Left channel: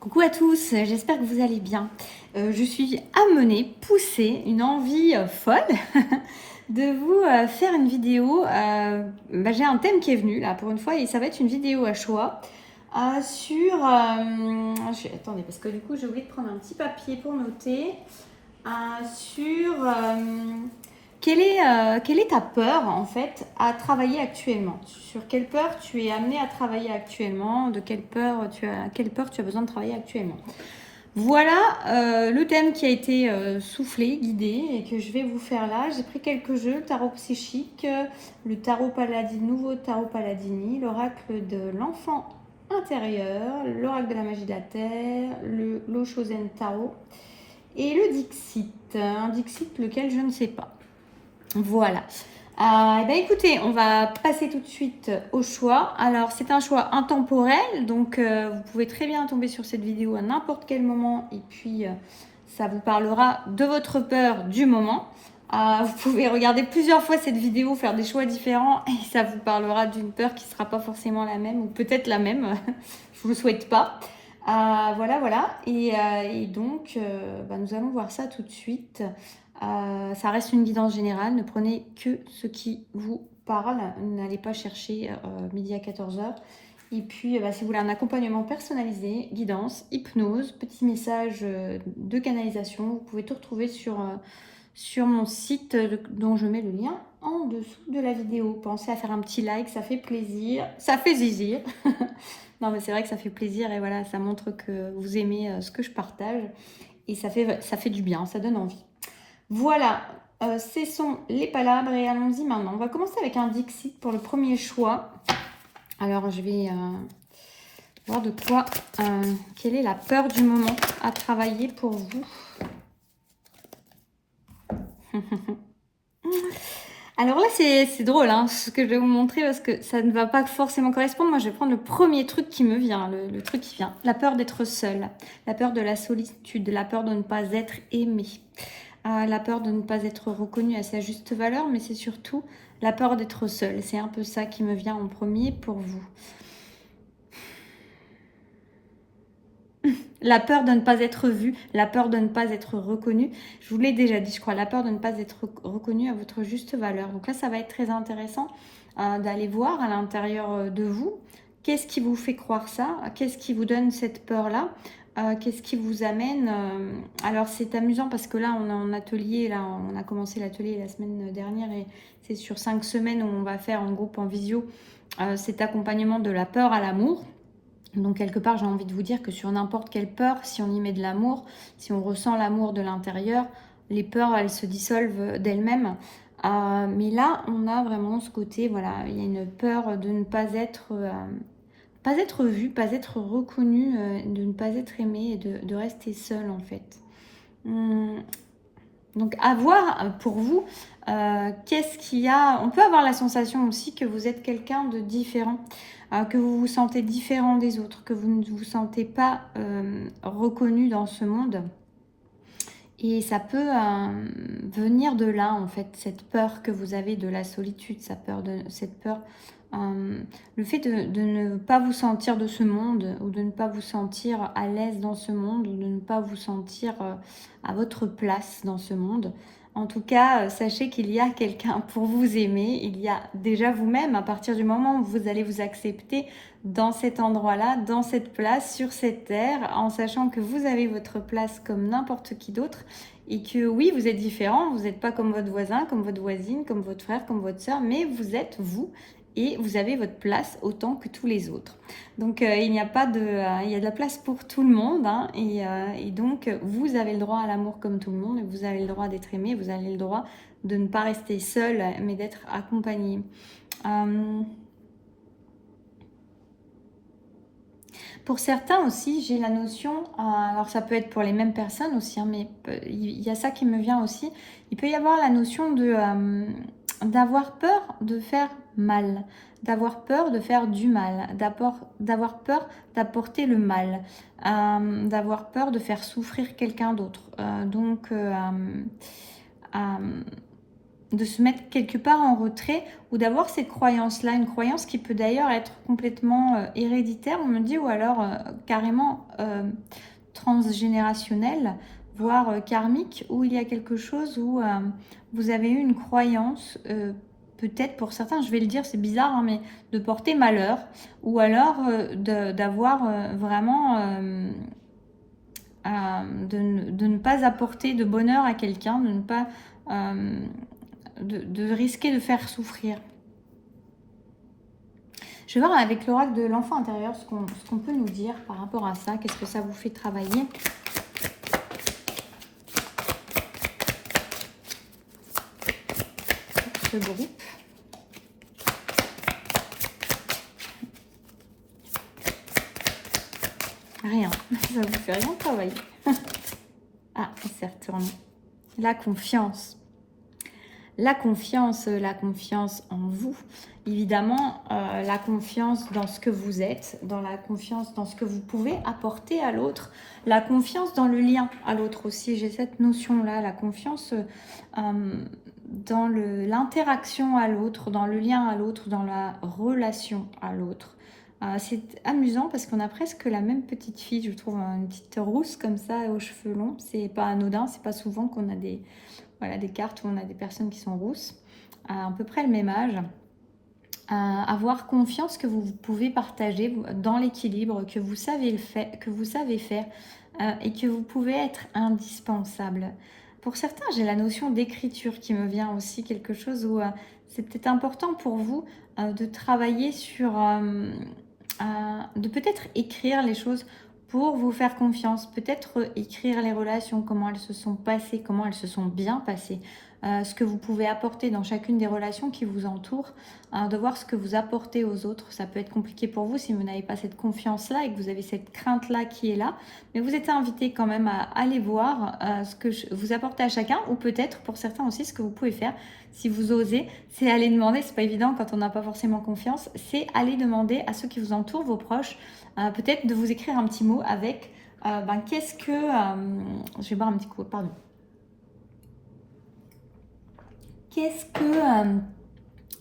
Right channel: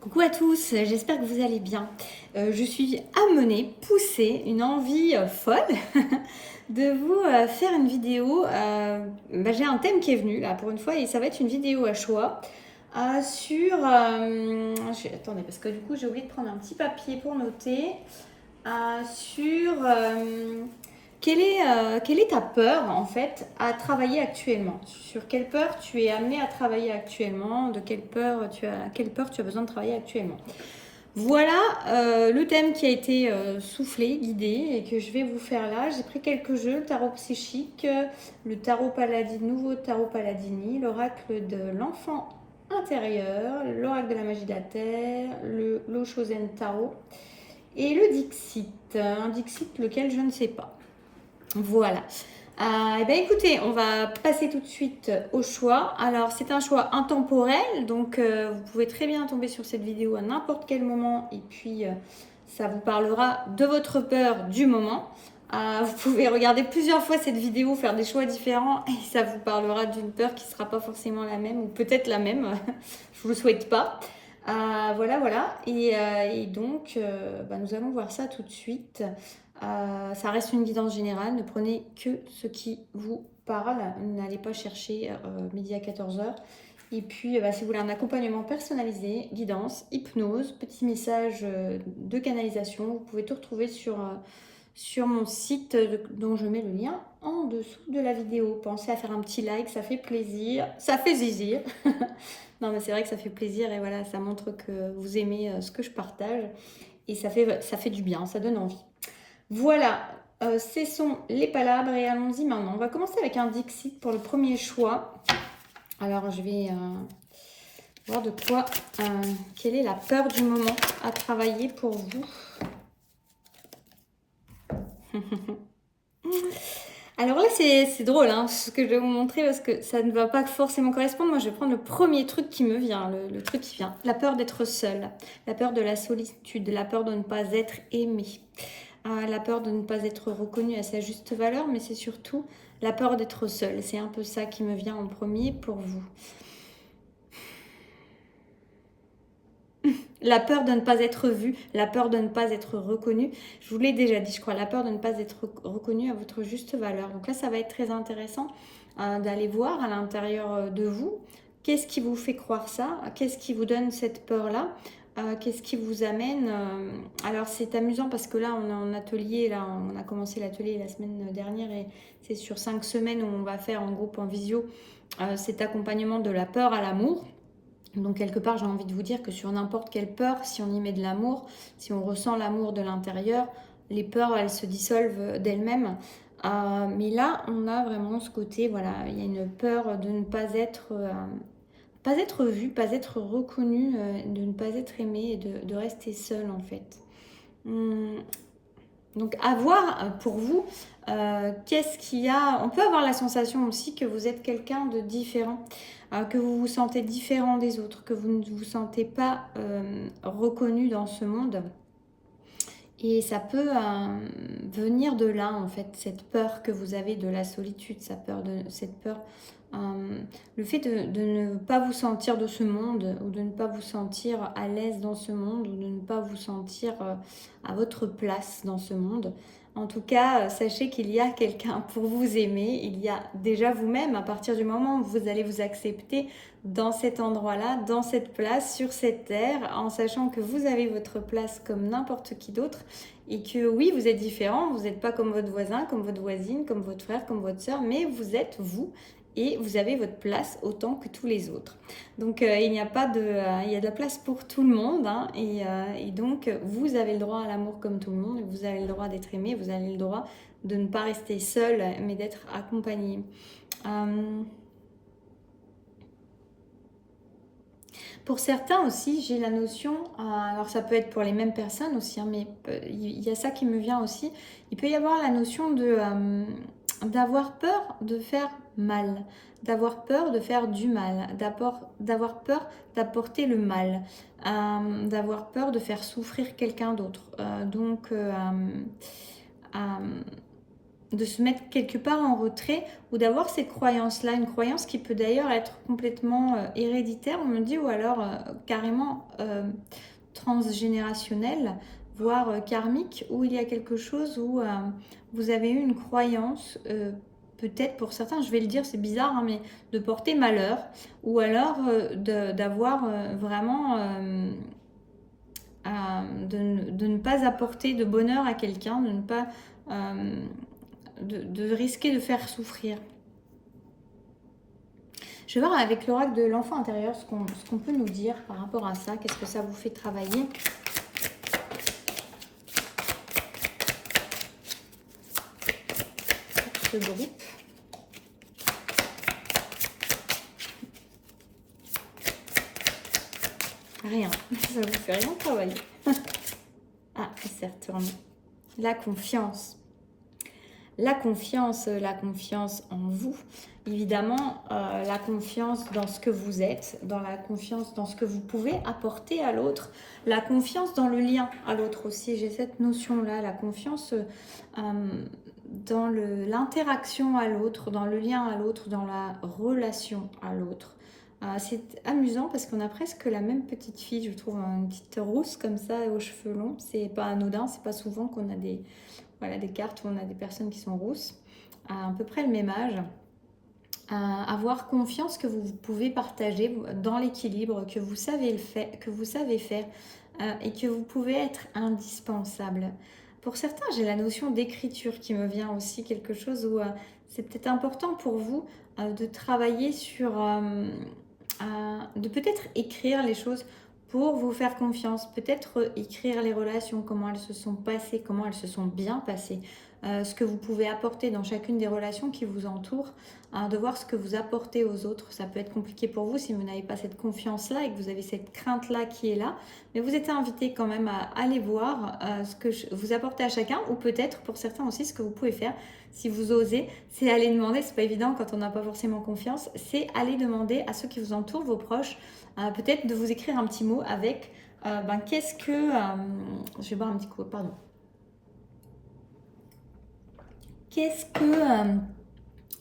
Coucou à tous, j'espère que vous allez bien. Je suis amenée, poussée, une envie folle de vous faire une vidéo. J'ai un thème qui est venu là pour une fois et ça va être une vidéo à choix sur... attendez, parce que du coup j'ai oublié de prendre un petit papier pour noter. Sur quelle est ta peur en fait à travailler actuellement? Sur quelle peur tu es amené à travailler actuellement? De quelle peur tu as besoin de travailler actuellement? Voilà le thème qui a été soufflé, guidé et que je vais vous faire là. J'ai pris quelques jeux, le tarot psychique, le tarot paladin, nouveau tarot paladini, l'oracle de l'enfant intérieur, l'oracle de la magie de la terre, le l'Oshozen tarot et le Dixit. Un Dixit lequel je ne sais pas. Voilà. Écoutez, on va passer tout de suite au choix. Alors, c'est un choix intemporel, donc vous pouvez très bien tomber sur cette vidéo à n'importe quel moment et puis ça vous parlera de votre peur du moment. Vous pouvez regarder plusieurs fois cette vidéo, faire des choix différents et ça vous parlera d'une peur qui ne sera pas forcément la même ou peut-être la même. Je ne vous le souhaite pas. Voilà. Et donc, nous allons voir ça tout de suite. Ça reste une guidance générale, ne prenez que ce qui vous parle, n'allez pas chercher midi à 14h. Et puis, si vous voulez un accompagnement personnalisé, guidance, hypnose, petit message de canalisation, vous pouvez tout retrouver sur mon site dont je mets le lien en dessous de la vidéo. Pensez à faire un petit like, ça fait plaisir, ça fait zizir. Non, mais c'est vrai que ça fait plaisir et voilà, ça montre que vous aimez ce que je partage et ça fait du bien, ça donne envie. Voilà, cessons les palabres et allons-y maintenant. On va commencer avec un Dixit pour le premier choix. Alors, je vais voir de quoi, quelle est la peur du moment à travailler pour vous. Alors là, c'est drôle ce que je vais vous montrer parce que ça ne va pas forcément correspondre. Moi, je vais prendre le premier truc qui me vient, le truc qui vient. La peur d'être seule, la peur de la solitude, la peur de ne pas être aimée. La peur de ne pas être reconnue à sa juste valeur, mais c'est surtout la peur d'être seule. C'est un peu ça qui me vient en premier pour vous. La peur de ne pas être vue, la peur de ne pas être reconnue. Je vous l'ai déjà dit, je crois, la peur de ne pas être reconnue à votre juste valeur. Donc là, ça va être très intéressant d'aller voir à l'intérieur de vous. Qu'est-ce qui vous fait croire ça? Qu'est-ce qui vous donne cette peur-là? Qu'est-ce qui vous amène Alors c'est amusant parce que là on est en atelier, là on a commencé l'atelier la semaine dernière et c'est sur 5 semaines où on va faire en groupe, en visio, cet accompagnement de la peur à l'amour. Donc quelque part j'ai envie de vous dire que sur n'importe quelle peur, si on y met de l'amour, si on ressent l'amour de l'intérieur, les peurs elles se dissolvent d'elles-mêmes. Mais là on a vraiment ce côté, voilà, il y a une peur de ne pas être vu, pas être reconnu, de ne pas être aimé et de rester seul en fait. Donc à voir pour vous, qu'est-ce qu'il y a. On peut avoir la sensation aussi que vous êtes quelqu'un de différent, que vous vous sentez différent des autres, que vous ne vous sentez pas reconnu dans ce monde. Et ça peut venir de là, en fait, cette peur que vous avez de la solitude, cette peur, le fait de ne pas vous sentir de ce monde, ou de ne pas vous sentir à l'aise dans ce monde, ou de ne pas vous sentir à votre place dans ce monde. En tout cas, sachez qu'il y a quelqu'un pour vous aimer, il y a déjà vous-même, à partir du moment où vous allez vous accepter dans cet endroit-là, dans cette place, sur cette terre, en sachant que vous avez votre place comme n'importe qui d'autre et que oui, vous êtes différent, vous n'êtes pas comme votre voisin, comme votre voisine, comme votre frère, comme votre soeur, mais vous êtes vous et vous avez votre place autant que tous les autres. Donc il n'y a pas de, il y a de la place pour tout le monde et donc vous avez le droit à l'amour comme tout le monde, et vous avez le droit d'être aimé, vous avez le droit de ne pas rester seul, mais d'être accompagné. Pour certains aussi, j'ai la notion, alors ça peut être pour les mêmes personnes aussi, mais il y a ça qui me vient aussi. Il peut y avoir la notion d'avoir peur de faire mal, d'avoir peur de faire du mal, d'avoir peur d'apporter le mal, d'avoir peur de faire souffrir quelqu'un d'autre. de se mettre quelque part en retrait ou d'avoir cette croyance-là, une croyance qui peut d'ailleurs être complètement héréditaire, on me dit, ou alors carrément transgénérationnelle, voire karmique, où il y a quelque chose où vous avez eu une croyance, peut-être pour certains, je vais le dire, c'est bizarre, hein, mais de porter malheur, ou alors d'avoir vraiment... de ne pas apporter de bonheur à quelqu'un, de ne pas... de risquer de faire souffrir. Je vais voir avec l'oracle de l'enfant intérieur ce qu'on peut nous dire par rapport à ça. Qu'est-ce que ça vous fait travailler? Ce groupe. Rien. Ça vous fait rien travailler. Ah, il s'est retourné. La confiance. La confiance en vous. Évidemment, la confiance dans ce que vous êtes, dans la confiance dans ce que vous pouvez apporter à l'autre, la confiance dans le lien à l'autre aussi. J'ai cette notion-là, la confiance dans l'interaction à l'autre, dans le lien à l'autre, dans la relation à l'autre. C'est amusant parce qu'on a presque la même petite fille, je trouve, une petite rousse comme ça, aux cheveux longs. C'est pas anodin, c'est pas souvent qu'on a des cartes où on a des personnes qui sont rousses, à peu près le même âge. Avoir confiance que vous pouvez partager dans l'équilibre, que vous savez faire, et que vous pouvez être indispensable. Pour certains, j'ai la notion d'écriture qui me vient aussi, quelque chose où c'est peut-être important pour vous de travailler sur, de peut-être écrire les choses pour vous faire confiance, peut-être écrire les relations, comment elles se sont passées, comment elles se sont bien passées, ce que vous pouvez apporter dans chacune des relations qui vous entourent, de voir ce que vous apportez aux autres. Ça peut être compliqué pour vous si vous n'avez pas cette confiance-là et que vous avez cette crainte-là qui est là, mais vous êtes invité quand même à aller voir ce que vous apportez à chacun, ou peut-être pour certains aussi ce que vous pouvez faire, si vous osez, c'est aller demander, c'est pas évident quand on n'a pas forcément confiance, c'est aller demander à ceux qui vous entourent, vos proches, peut-être de vous écrire un petit mot avec qu'est-ce que... je vais boire un petit coup, pardon. Qu'est-ce que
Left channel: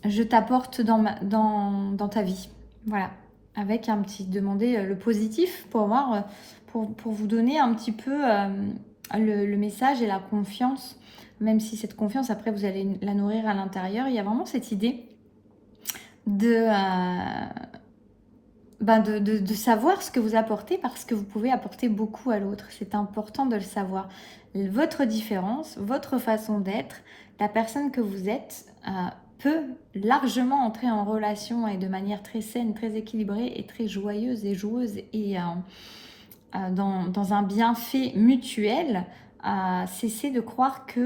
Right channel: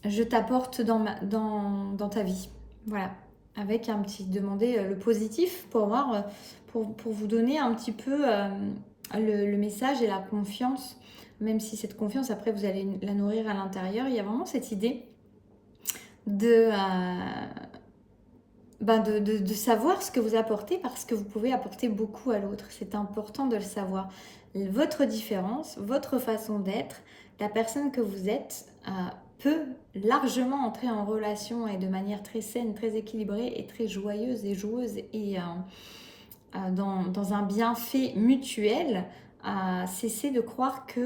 je t'apporte dans ta vie? Voilà, avec un petit demander le positif pour voir, pour vous donner un petit peu le message et la confiance, même si cette confiance, après, vous allez la nourrir à l'intérieur. Il y a vraiment cette idée de savoir ce que vous apportez, parce que vous pouvez apporter beaucoup à l'autre. C'est important de le savoir. Votre différence, votre façon d'être, la personne que vous êtes peut largement entrer en relation et de manière très saine, très équilibrée et très joyeuse et joueuse et dans un bienfait mutuel, cesser de croire que...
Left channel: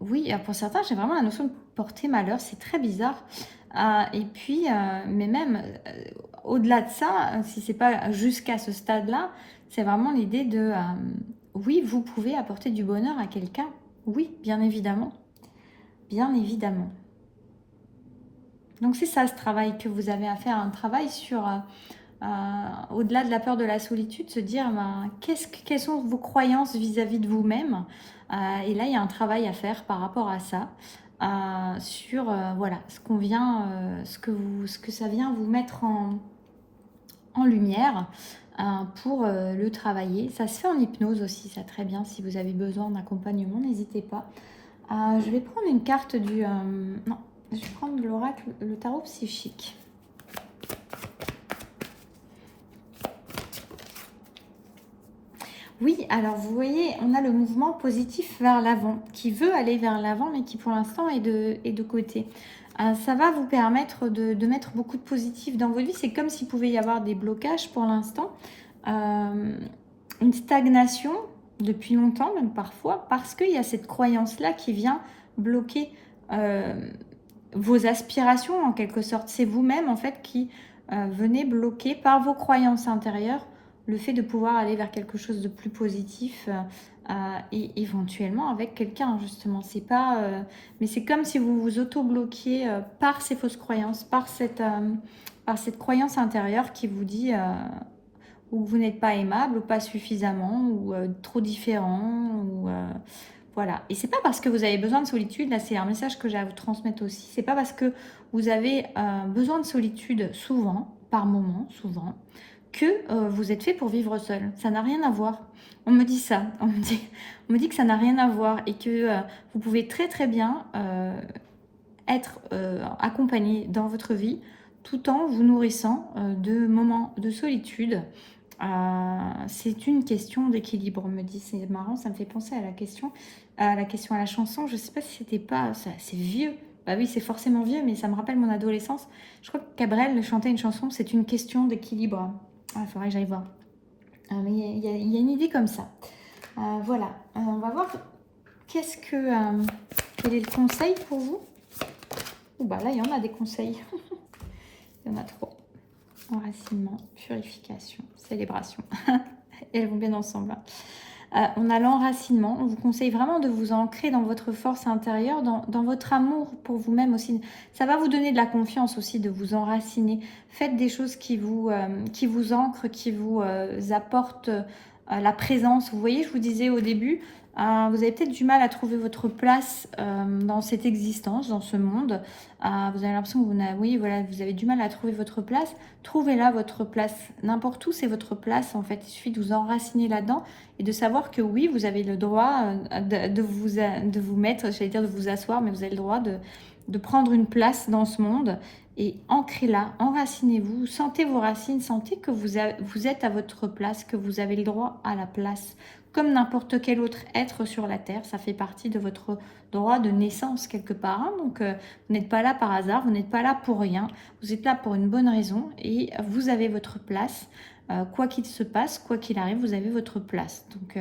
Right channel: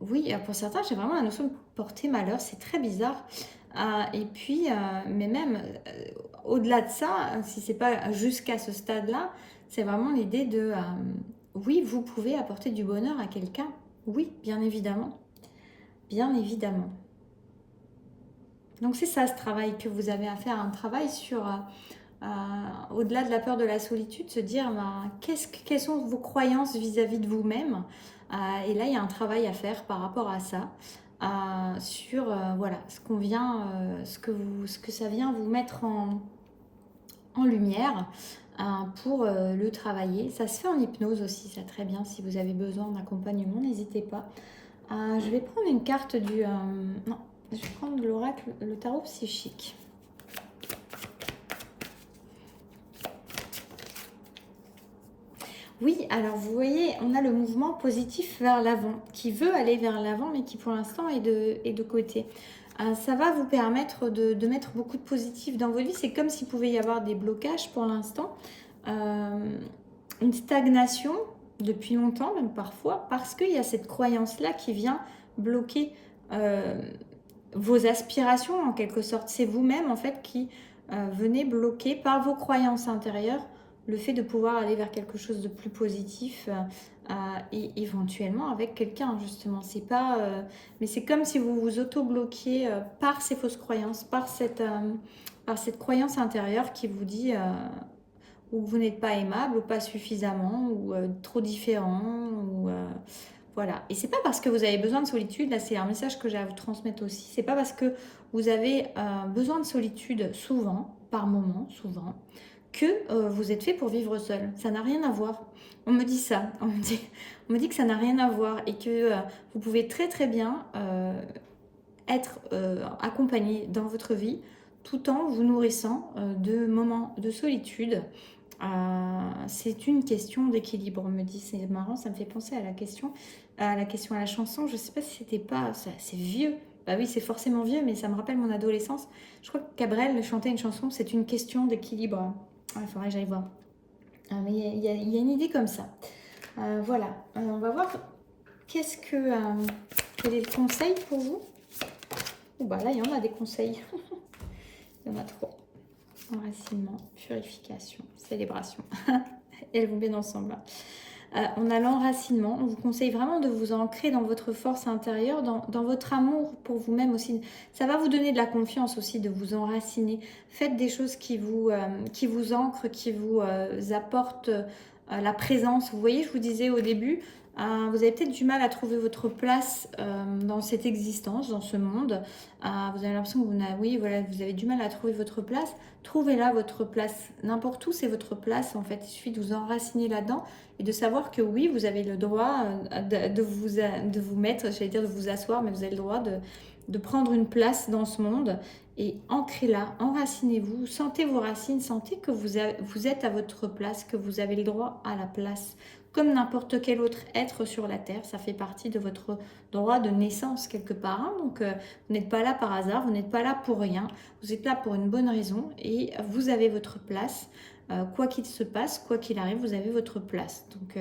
oui, pour certains, j'ai vraiment la notion de porter malheur, c'est très bizarre. Et puis, mais même au-delà de ça, si c'est pas jusqu'à ce stade-là, c'est vraiment l'idée de oui, vous pouvez apporter du bonheur à quelqu'un. Oui, bien évidemment. Bien évidemment. Donc c'est ça ce travail que vous avez à faire, un travail sur, au-delà de la peur de la solitude, se dire quelles sont vos croyances vis-à-vis de vous-même. Et là, il y a un travail à faire par rapport à ça. Sur voilà ce qu'on vient, ce que ça vient vous mettre en lumière pour le travailler. Ça se fait en hypnose aussi, ça très bien. Si vous avez besoin d'accompagnement, n'hésitez pas. Je vais prendre une carte du... non, je vais prendre l'oracle, le tarot psychique. Oui, alors vous voyez, on a le mouvement positif vers l'avant, qui veut aller vers l'avant, mais qui pour l'instant est de côté. Ça va vous permettre de mettre beaucoup de positif dans votre vie. C'est comme s'il pouvait y avoir des blocages pour l'instant, une stagnation depuis longtemps, même parfois, parce qu'il y a cette croyance-là qui vient bloquer vos aspirations en quelque sorte. C'est vous-même en fait qui venez bloquer par vos croyances intérieures le fait de pouvoir aller vers quelque chose de plus positif et éventuellement avec quelqu'un justement. C'est pas, mais c'est comme si vous vous auto-bloquiez par ces fausses croyances, par cette croyance intérieure qui vous dit ou vous n'êtes pas aimable, ou pas suffisamment, ou trop différent, ou Voilà. Et c'est pas parce que vous avez besoin de solitude, là c'est un message que j'ai à vous transmettre aussi, c'est pas parce que vous avez besoin de solitude souvent, par moment, souvent, que vous êtes fait pour vivre seul. Ça n'a rien à voir. On me dit ça, on me dit que ça n'a rien à voir et que vous pouvez très très bien être accompagné dans votre vie tout en vous nourrissant de moments de solitude. C'est une question d'équilibre, on me dit. C'est marrant, ça me fait penser à la question à la chanson. Je sais pas si c'était pas... C'est vieux. Bah oui, c'est forcément vieux, mais ça me rappelle mon adolescence. Je crois que Cabrel chantait une chanson, c'est une question d'équilibre. Il faudrait que j'aille voir. Mais il y a une idée comme ça. Voilà. On va voir quel est le conseil pour vous. Bah là, il y en a des conseils. Il y en a trop. Enracinement, purification, célébration. Elles vont bien ensemble. On a l'enracinement. On vous conseille vraiment de vous ancrer dans votre force intérieure, dans votre amour pour vous-même aussi. Ça va vous donner de la confiance aussi de vous enraciner. Faites des choses qui vous ancrent, qui vous apportent la présence. Vous voyez, je vous disais au début, vous avez peut-être du mal à trouver votre place dans cette existence, dans ce monde. Vous avez l'impression que vous avez du mal à trouver votre place. Trouvez-la, votre place. N'importe où, c'est votre place en fait. Il suffit de vous enraciner là-dedans et de savoir que oui, vous avez le droit de vous mettre, j'allais dire de vous asseoir, mais vous avez le droit de prendre une place dans ce monde et ancrez-la, enracinez-vous, sentez vos racines, sentez que vous êtes à votre place, que vous avez le droit à la place. Comme n'importe quel autre être sur la Terre, ça fait partie de votre droit de naissance quelque part. Hein. Donc, vous n'êtes pas là par hasard, vous n'êtes pas là pour rien. Vous êtes là pour une bonne raison et vous avez votre place. Quoi qu'il se passe, quoi qu'il arrive, vous avez votre place. Donc,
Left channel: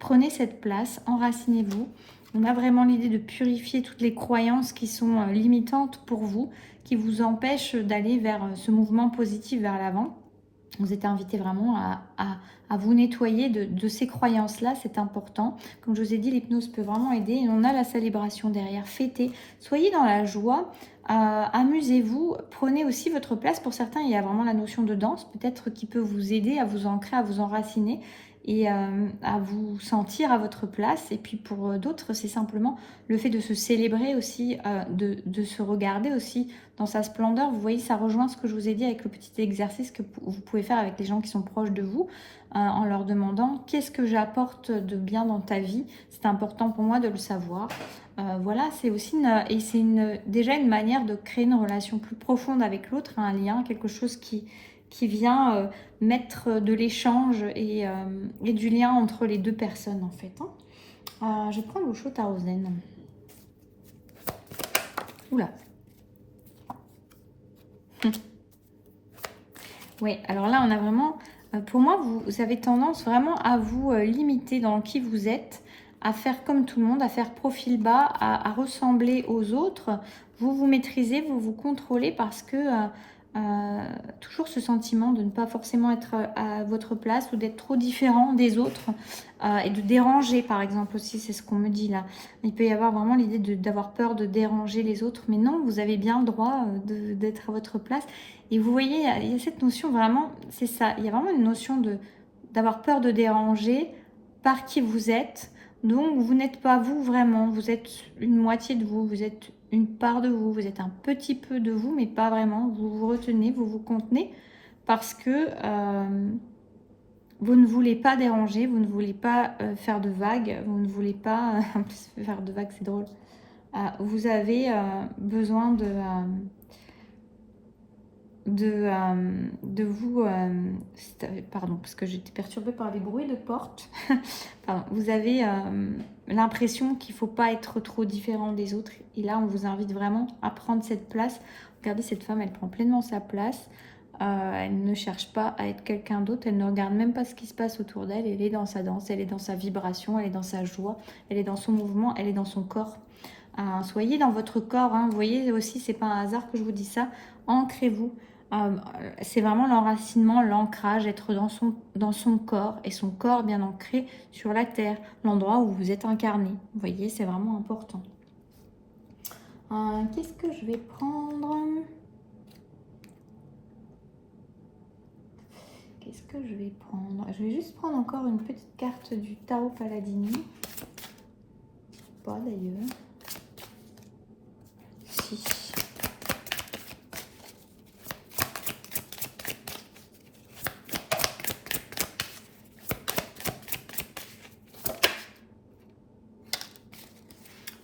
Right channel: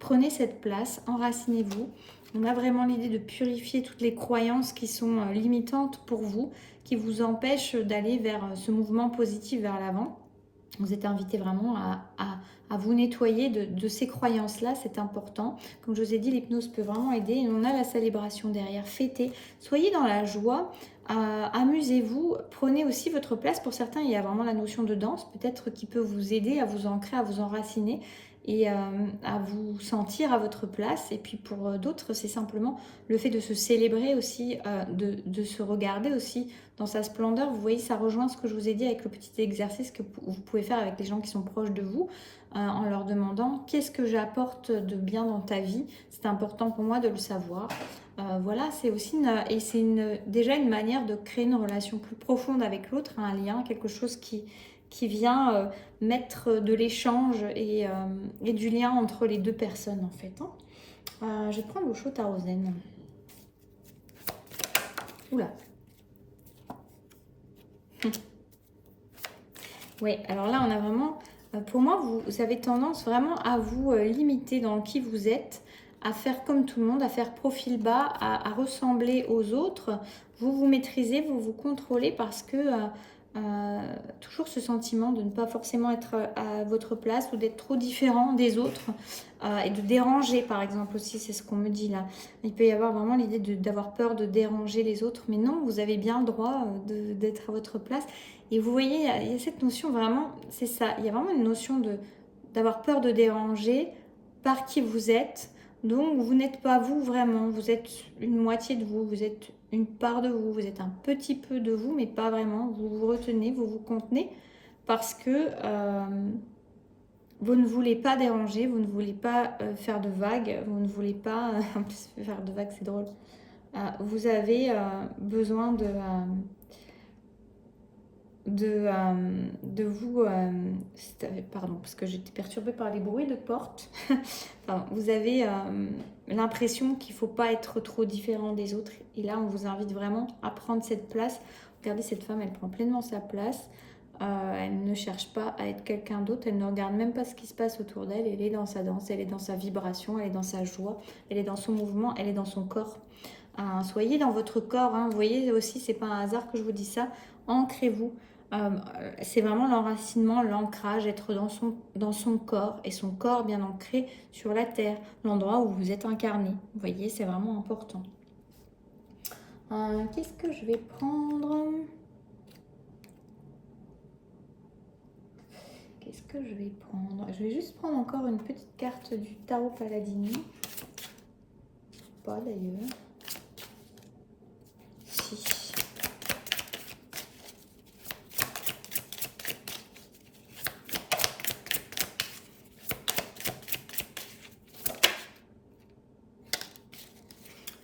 prenez cette place, enracinez-vous. On a vraiment l'idée de purifier toutes les croyances qui sont limitantes pour vous, qui vous empêchent d'aller vers ce mouvement positif vers l'avant. Vous êtes invité vraiment à vous nettoyer de ces croyances-là, c'est important. Comme je vous ai dit, l'hypnose peut vraiment aider. Et on a la célébration derrière, fêtez. Soyez dans la joie, amusez-vous, prenez aussi votre place. Pour certains, il y a vraiment la notion de danse, peut-être qui peut vous aider à vous ancrer, à vous enraciner et à vous sentir à votre place. Et puis pour d'autres, c'est simplement le fait de se célébrer aussi, de se regarder aussi dans sa splendeur. Vous voyez, ça rejoint ce que je vous ai dit avec le petit exercice que vous pouvez faire avec les gens qui sont proches de vous, en leur demandant qu'est-ce que j'apporte de bien dans ta vie. C'est important pour moi de le savoir. Voilà, c'est aussi déjà une manière de créer une relation plus profonde avec l'autre, un lien, quelque chose qui vient mettre de l'échange et du lien entre les deux personnes en fait. Hein. Je vais prendre l'Osho Tarozen. Oula. Oui, alors là on a vraiment, pour moi vous avez tendance vraiment à vous limiter dans qui vous êtes, à faire comme tout le monde, à faire profil bas, à ressembler aux autres. Vous vous maîtrisez, vous vous contrôlez parce que toujours ce sentiment de ne pas forcément être à votre place ou d'être trop différent des autres et de déranger par exemple aussi, c'est ce qu'on me dit là. Il peut y avoir vraiment l'idée d'avoir peur de déranger les autres, mais non, vous avez bien le droit d'être à votre place. Et vous voyez, il y a cette notion vraiment, c'est ça, il y a vraiment une notion d'avoir peur de déranger par qui vous êtes. Donc vous n'êtes pas vous vraiment, vous êtes une moitié de vous, vous êtes une part de vous, vous êtes un petit peu de vous, mais pas vraiment. Vous vous retenez, vous vous contenez parce que vous ne voulez pas déranger, vous ne voulez pas faire de vagues, vous ne voulez pas... en plus, faire de vagues, c'est drôle. Vous avez besoin de vous... pardon, parce que j'étais perturbée par les bruits de porte. Pardon, vous avez l'impression qu'il ne faut pas être trop différent des autres. Et là, on vous invite vraiment à prendre cette place. Regardez, cette femme, elle prend pleinement sa place. Elle ne cherche pas à être quelqu'un d'autre. Elle ne regarde même pas ce qui se passe autour d'elle. Elle est dans sa danse, elle est dans sa vibration, elle est dans sa joie, elle est dans son mouvement, elle est dans son corps. Soyez dans votre corps. Hein. Vous voyez aussi, c'est pas un hasard que je vous dis ça. Ancrez-vous. C'est vraiment l'enracinement, l'ancrage, être dans son corps et son corps bien ancré sur la terre, l'endroit où vous êtes incarné. Vous voyez, c'est vraiment important. Qu'est-ce que je vais prendre? Qu'est-ce que je vais prendre? Je vais juste prendre encore une petite carte du Tarot Paladini. pas d'ailleurs. Si.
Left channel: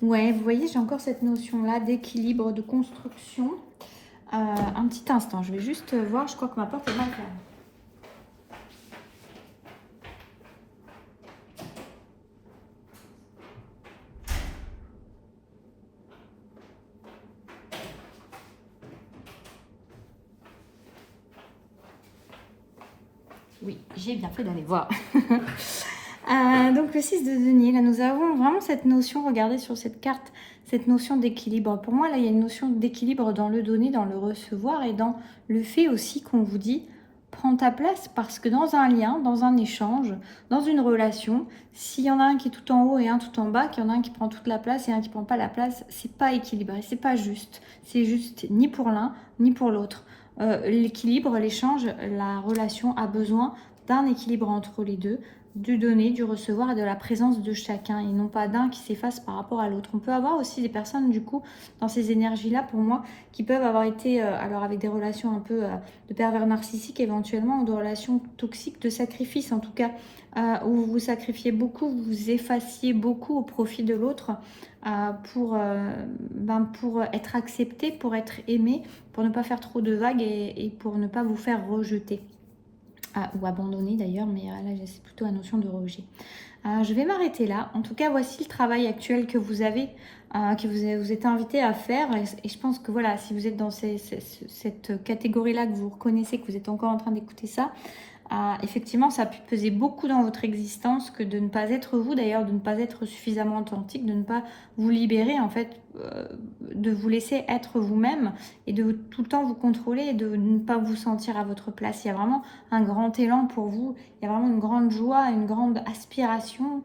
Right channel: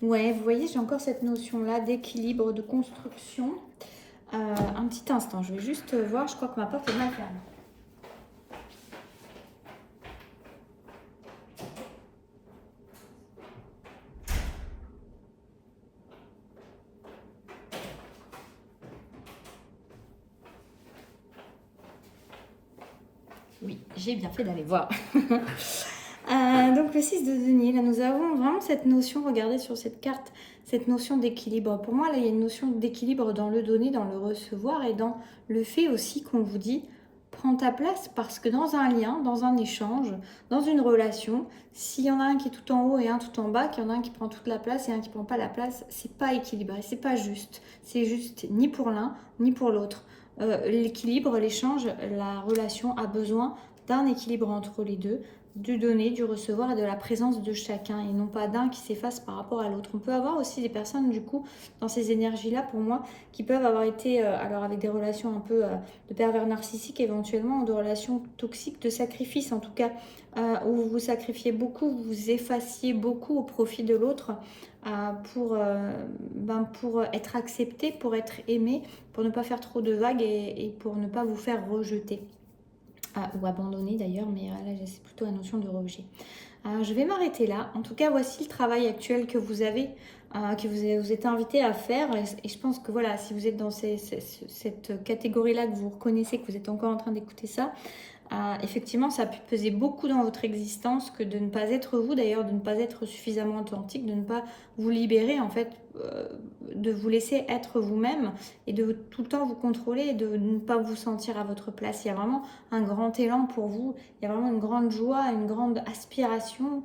Ouais, vous voyez, j'ai encore cette notion-là d'équilibre, de construction. Un petit instant, je vais juste voir, je crois que ma porte est mal fermée. Oui, j'ai bien fait d'aller voir. Donc le 6 de denier, là nous avons vraiment cette notion, regardez sur cette carte, cette notion d'équilibre. Pour moi, là, il y a une notion d'équilibre dans le donner, dans le recevoir et dans le fait aussi qu'on vous dit prends ta place parce que dans un lien, dans un échange, dans une relation, s'il y en a un qui est tout en haut et un tout en bas, qu'il y en a un qui prend toute la place et un qui prend pas la place, c'est pas équilibré, c'est pas juste. C'est juste ni pour l'un ni pour l'autre. L'équilibre, l'échange, la relation a besoin d'un équilibre entre les deux, du donner, du recevoir et de la présence de chacun et non pas d'un qui s'efface par rapport à l'autre. On peut avoir aussi des personnes du coup dans ces énergies-là pour moi qui peuvent avoir été alors avec des relations un peu de pervers narcissiques éventuellement ou de relations toxiques, de sacrifice en tout cas où vous vous sacrifiez beaucoup, vous vous effaciez beaucoup au profit de l'autre pour être accepté, pour être aimé, pour ne pas faire trop de vagues et pour ne pas vous faire rejeter. Ou abandonner d'ailleurs, mais là c'est plutôt la notion de rejet. Je vais m'arrêter là. En tout cas, voici le travail actuel que vous avez, que vous êtes invité à faire. Et je pense que voilà, si vous êtes dans cette catégorie-là, que vous reconnaissez, que vous êtes encore en train d'écouter ça, effectivement, ça a pu peser beaucoup dans votre existence que de ne pas être vous, d'ailleurs, de ne pas être suffisamment authentique, de ne pas vous libérer, en fait, de vous laisser être vous-même et de tout le temps vous contrôler et de ne pas vous sentir à votre place. Il y a vraiment un grand élan pour vous, il y a vraiment une grande joie, une grande aspiration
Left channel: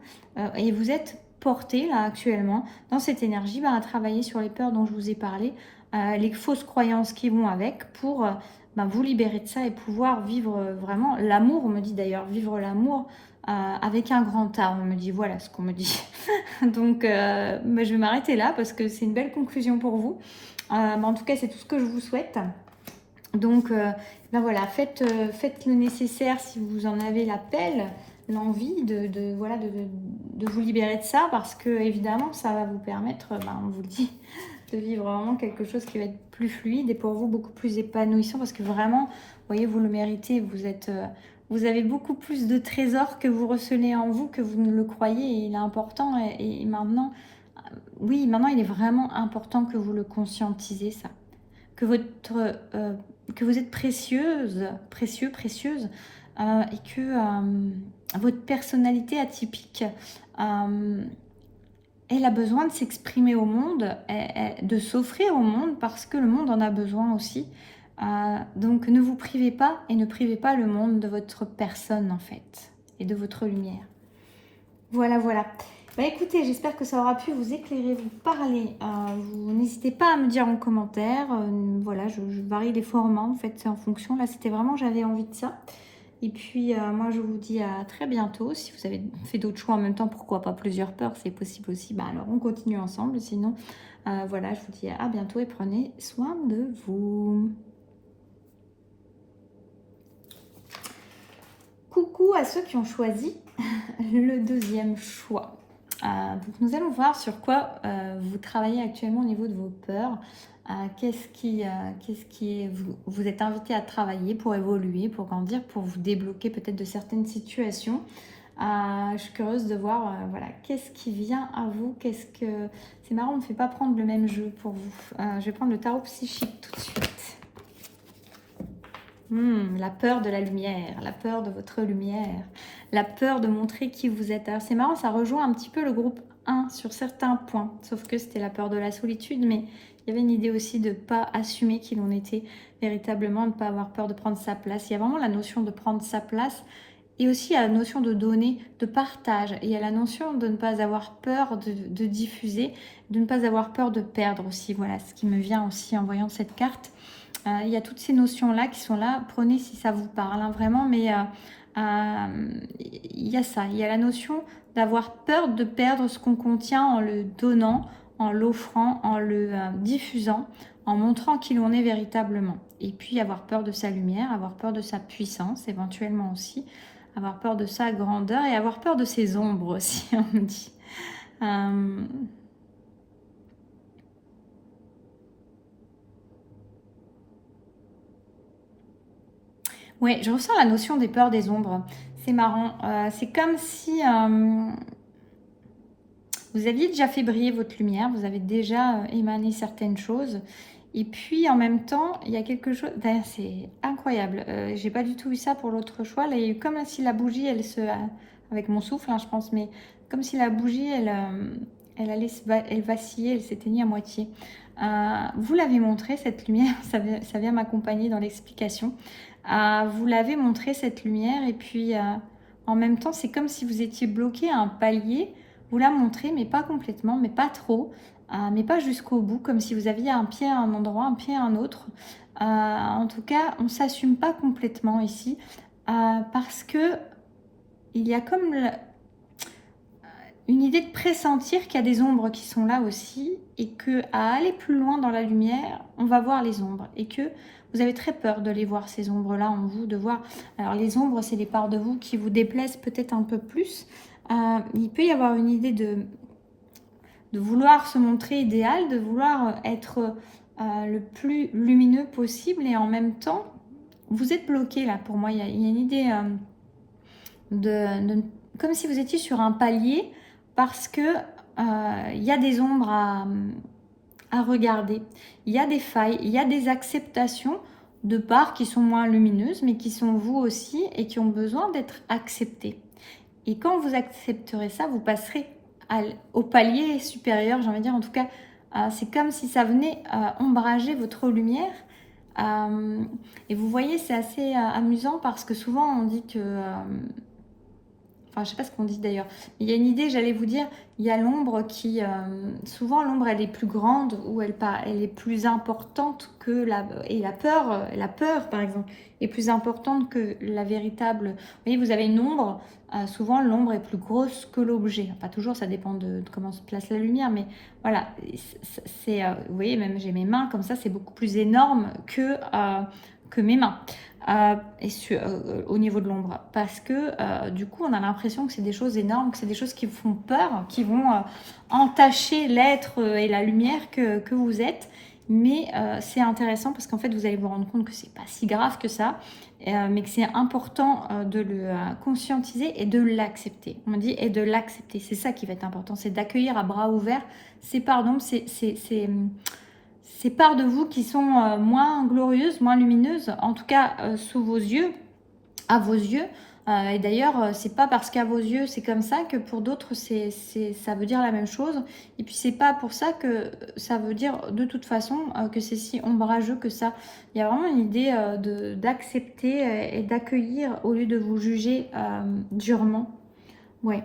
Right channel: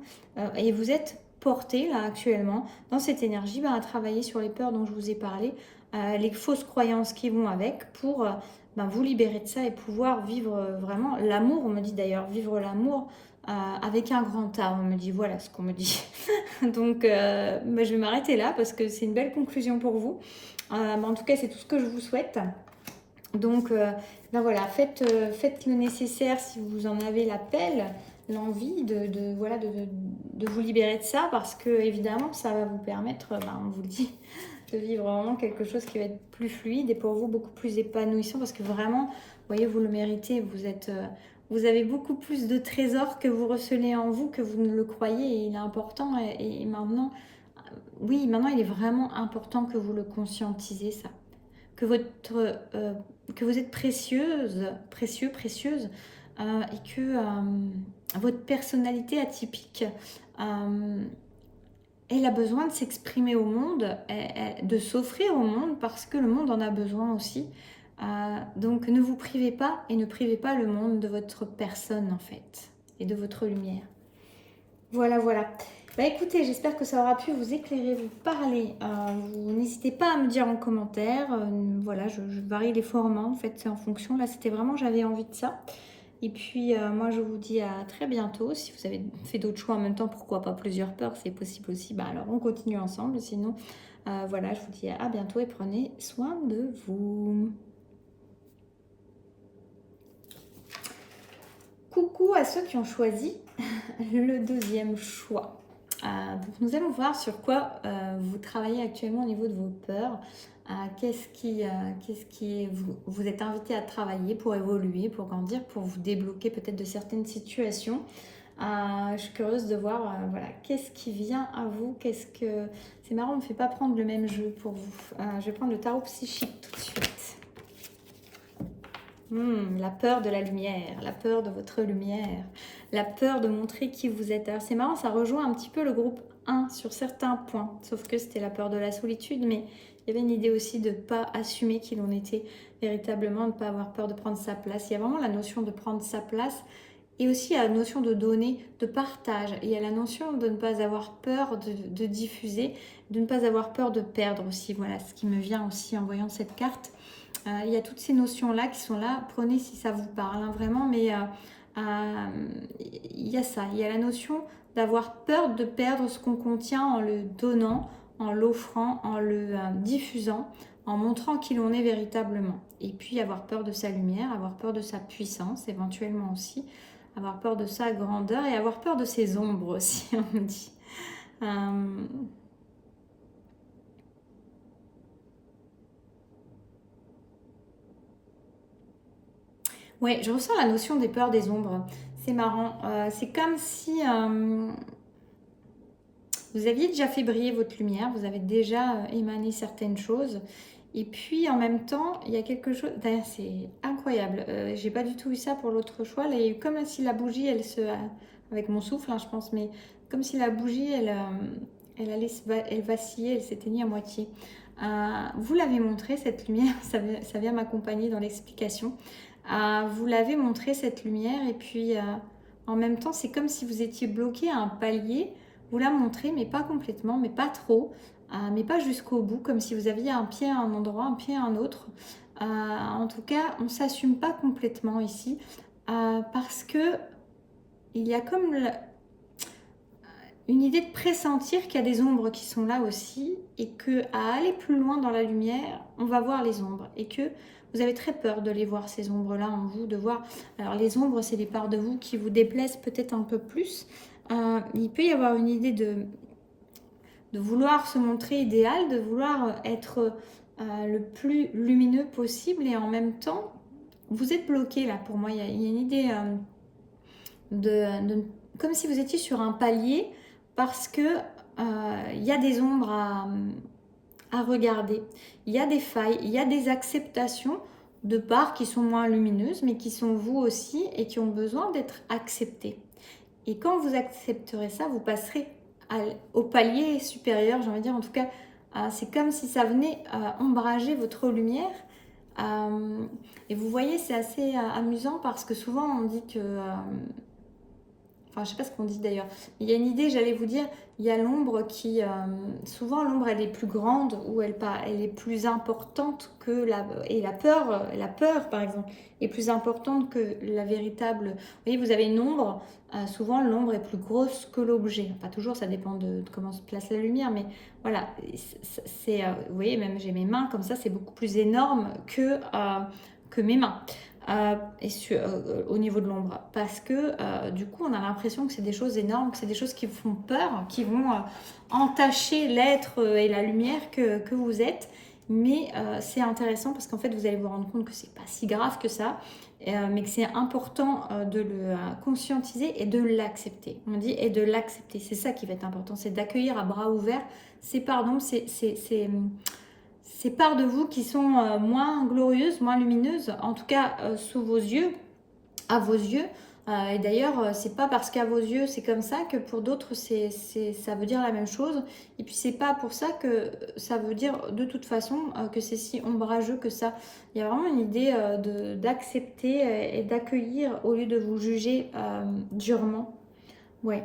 et vous êtes porté là actuellement dans cette énergie à travailler sur les peurs dont je vous ai parlé, les fausses croyances qui vont avec pour vous libérer de ça et pouvoir vivre vraiment l'amour. On me dit d'ailleurs vivre l'amour avec un grand A. On me dit voilà ce qu'on me dit. Donc je vais m'arrêter là parce que c'est une belle conclusion pour vous. En tout cas, c'est tout ce que je vous souhaite. Donc voilà, faites le nécessaire si vous en avez l'appel, l'envie de vous libérer de ça parce que évidemment ça va vous permettre, on vous le dit, de vivre vraiment quelque chose qui va être plus fluide et pour vous beaucoup plus épanouissant parce que vraiment, vous voyez, vous le méritez, vous avez beaucoup plus de trésors que vous recelez en vous que vous ne le croyez et il est important et maintenant, oui, maintenant il est vraiment important que vous le conscientisez ça, que vous êtes précieuse et que votre personnalité atypique elle a besoin de s'exprimer au monde, de s'offrir au monde parce que le monde en a besoin aussi. Donc ne vous privez pas et ne privez pas le monde de votre personne en fait et de votre lumière. Voilà. Écoutez, j'espère que ça aura pu vous éclairer, vous parler. Vous n'hésitez pas à me dire en commentaire. Voilà, je varie les formats en fait, c'est en fonction. Là, c'était vraiment, j'avais envie de ça. Et puis, moi, je vous dis à très bientôt. Si vous avez fait d'autres choix en même temps, pourquoi pas plusieurs peurs, c'est possible aussi. Alors, on continue ensemble. Sinon, voilà, je vous dis à bientôt et prenez soin de vous. Coucou à ceux qui ont choisi le deuxième choix. Donc, nous allons voir sur quoi vous travaillez actuellement au niveau de vos peurs. Vous êtes invité à travailler pour évoluer, pour grandir, pour vous débloquer peut-être de certaines situations. Je suis curieuse de voir qu'est-ce qui vient à vous. C'est marrant, on ne me fait pas prendre le même jeu pour vous. Je vais prendre le tarot psychique tout de suite. La peur de la lumière, la peur de votre lumière, la peur de montrer qui vous êtes. Alors c'est marrant, ça rejoint un petit peu le groupe 1 sur certains points, sauf que c'était la peur de la solitude, mais il y avait une idée aussi de ne pas assumer qui l'on était véritablement, de ne pas avoir peur de prendre sa place. Il y a vraiment la notion de prendre sa place et aussi la notion de donner, de partage. Et il y a la notion de ne pas avoir peur de diffuser, de ne pas avoir peur de perdre aussi. Voilà ce qui me vient aussi en voyant cette carte. Il y a toutes ces notions-là qui sont là. Prenez si ça vous parle, vraiment. Mais il y a ça. Il y a la notion d'avoir peur de perdre ce qu'on contient en le donnant, en l'offrant, en le diffusant, en montrant qui l'on est véritablement. Et puis avoir peur de sa lumière, avoir peur de sa puissance éventuellement aussi, avoir peur de sa grandeur et avoir peur de ses ombres aussi, on me dit. Ouais, je ressens la notion des peurs des ombres. C'est marrant. C'est comme si vous aviez déjà fait briller votre lumière, vous avez déjà émané certaines choses. Et puis en même temps, il y a quelque chose. D'ailleurs, c'est incroyable. J'ai pas du tout eu ça pour l'autre choix. Là, il y a eu comme si la bougie, elle se. Avec mon souffle, hein, je pense, mais comme si la bougie, elle allait elle vacillait, elle s'éteignait à moitié. Vous l'avez montré, cette lumière, ça vient m'accompagner dans l'explication. Vous l'avez montré, cette lumière, et puis en même temps, c'est comme si vous étiez bloqué à un palier. Vous la montrez, mais pas complètement, mais pas trop, mais pas jusqu'au bout, comme si vous aviez un pied à un endroit, un pied à un autre. En tout cas, on ne s'assume pas complètement ici, parce que il y a comme une idée de pressentir qu'il y a des ombres qui sont là aussi, et que à aller plus loin dans la lumière, on va voir les ombres, et que vous avez très peur de les voir, ces ombres-là en vous, de voir. Alors les ombres, c'est les parts de vous qui vous déplaisent peut-être un peu plus. Il peut y avoir une idée de vouloir se montrer idéal, de vouloir être le plus lumineux possible, et en même temps, vous êtes bloqué là. Pour moi, il y a une idée comme si vous étiez sur un palier, parce que il y a des ombres à regarder, il y a des failles, il y a des acceptations de parts qui sont moins lumineuses, mais qui sont vous aussi et qui ont besoin d'être acceptées. Et quand vous accepterez ça, vous passerez au palier supérieur, j'ai envie de dire. En tout cas, c'est comme si ça venait ombrager votre lumière. Et vous voyez, c'est assez amusant, parce que souvent on dit que... Enfin, je sais pas ce qu'on dit d'ailleurs. Il y a une idée, j'allais vous dire, il y a l'ombre qui... souvent, l'ombre, elle est plus grande, ou elle est plus importante que Et la peur, par exemple, est plus importante que la véritable... Vous voyez, vous avez une ombre, souvent, l'ombre est plus grosse que l'objet. Pas toujours, ça dépend de comment se place la lumière, mais voilà. Vous voyez, même j'ai mes mains comme ça, c'est beaucoup plus énorme que mes mains. Au niveau de l'ombre, parce que du coup on a l'impression que c'est des choses énormes, que c'est des choses qui font peur, qui vont entacher l'être et la lumière que vous êtes. Mais c'est intéressant, parce qu'en fait vous allez vous rendre compte que c'est pas si grave que ça, mais que c'est important de le conscientiser et de l'accepter. On me dit, et de l'accepter, c'est ça qui va être important, c'est d'accueillir à bras ouverts ces pardons, ces parts de vous qui sont moins glorieuses, moins lumineuses, en tout cas sous vos yeux, à vos yeux. Et d'ailleurs, c'est pas parce qu'à vos yeux c'est comme ça que pour d'autres ça veut dire la même chose. Et puis c'est pas pour ça que ça veut dire de toute façon que c'est si ombrageux que ça. Il y a vraiment une idée d'accepter et d'accueillir au lieu de vous juger durement. Ouais.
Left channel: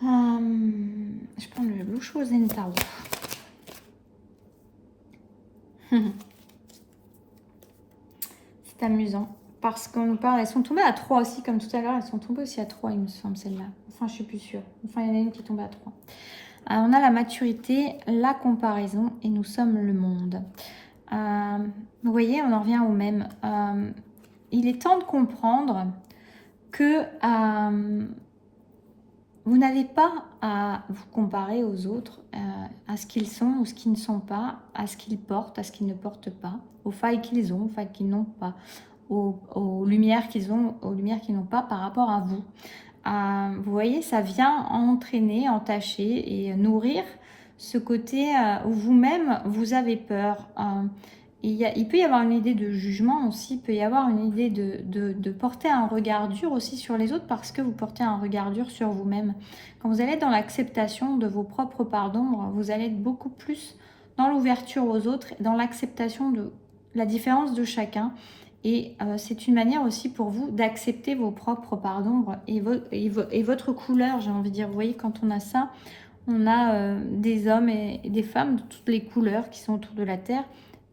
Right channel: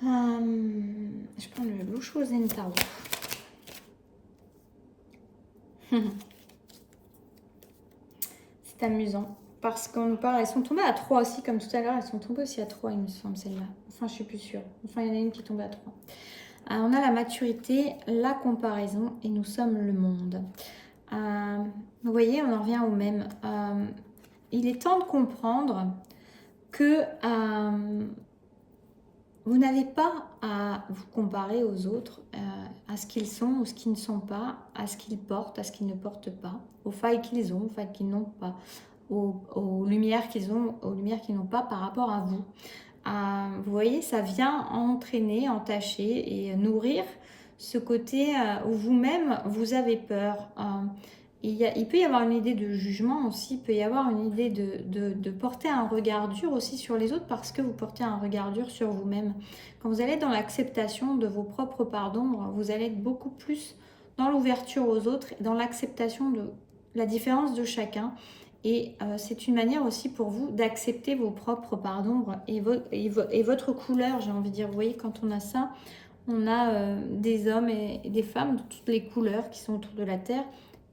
Je prends le Lusho Zentaro. C'est amusant, parce qu'on nous parle, elles sont tombées à 3 aussi, comme tout à l'heure, elles sont tombées aussi à 3, il me semble, celle-là. Enfin, je suis plus sûre. Enfin, il y en a une qui est tombée à 3. Alors, on a la maturité, la comparaison, et nous sommes le monde. Vous voyez, on en revient au même. Il est temps de comprendre que vous n'avez pas à vous comparer aux autres, à ce qu'ils sont ou ce qu'ils ne sont pas, à ce qu'ils portent, à ce qu'ils ne portent pas, aux failles qu'ils ont, aux failles qu'ils n'ont pas, aux lumières qu'ils ont, aux lumières qu'ils n'ont pas par rapport à vous. Vous voyez, ça vient entraîner, entacher et nourrir ce côté où vous-même, vous avez peur. Il peut y avoir une idée de jugement aussi, il peut y avoir une idée de porter un regard dur aussi sur les autres, parce que vous portez un regard dur sur vous-même. Quand vous allez être dans l'acceptation de vos propres parts d'ombre, vous allez être beaucoup plus dans l'ouverture aux autres, dans l'acceptation de la différence de chacun. Et c'est une manière aussi pour vous d'accepter vos propres parts d'ombre et votre couleur, j'ai envie de dire. Vous voyez, quand on a ça, on a des hommes et des femmes de toutes les couleurs qui sont autour de la Terre,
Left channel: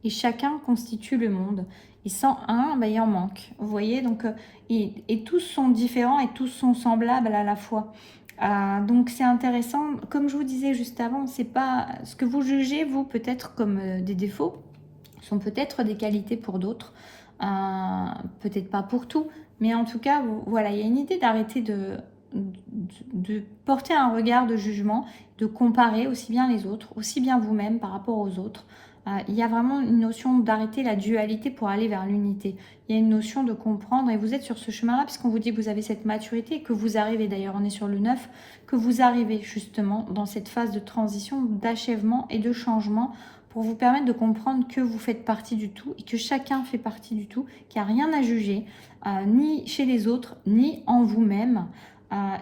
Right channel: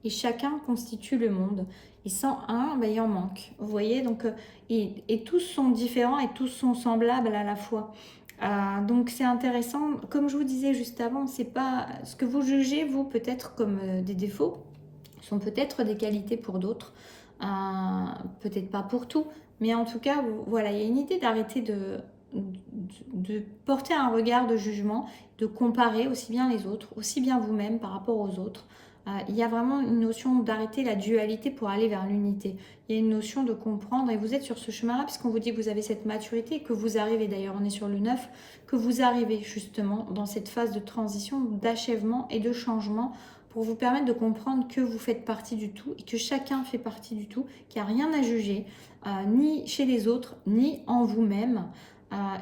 et chacun constitue le monde. Et sans un, ben, il en manque. Vous voyez, donc, et tous sont différents et tous sont semblables à la fois. Donc c'est intéressant, comme je vous disais juste avant, c'est pas ce que vous jugez, vous, peut-être comme des défauts, sont peut-être des qualités pour d'autres, peut-être pas pour tout, mais en tout cas, voilà, il y a une idée d'arrêter de porter un regard de jugement, de comparer aussi bien les autres, aussi bien vous-même par rapport aux autres. Il y a vraiment une notion d'arrêter la dualité pour aller vers l'unité. Il y a une notion de comprendre, et vous êtes sur ce chemin-là, puisqu'on vous dit que vous avez cette maturité, que vous arrivez, d'ailleurs on est sur le 9, que vous arrivez justement dans cette phase de transition, d'achèvement et de changement, pour vous permettre de comprendre que vous faites partie du tout et que chacun fait partie du tout, qu'il n'y a rien à juger, ni chez les autres, ni en vous-même,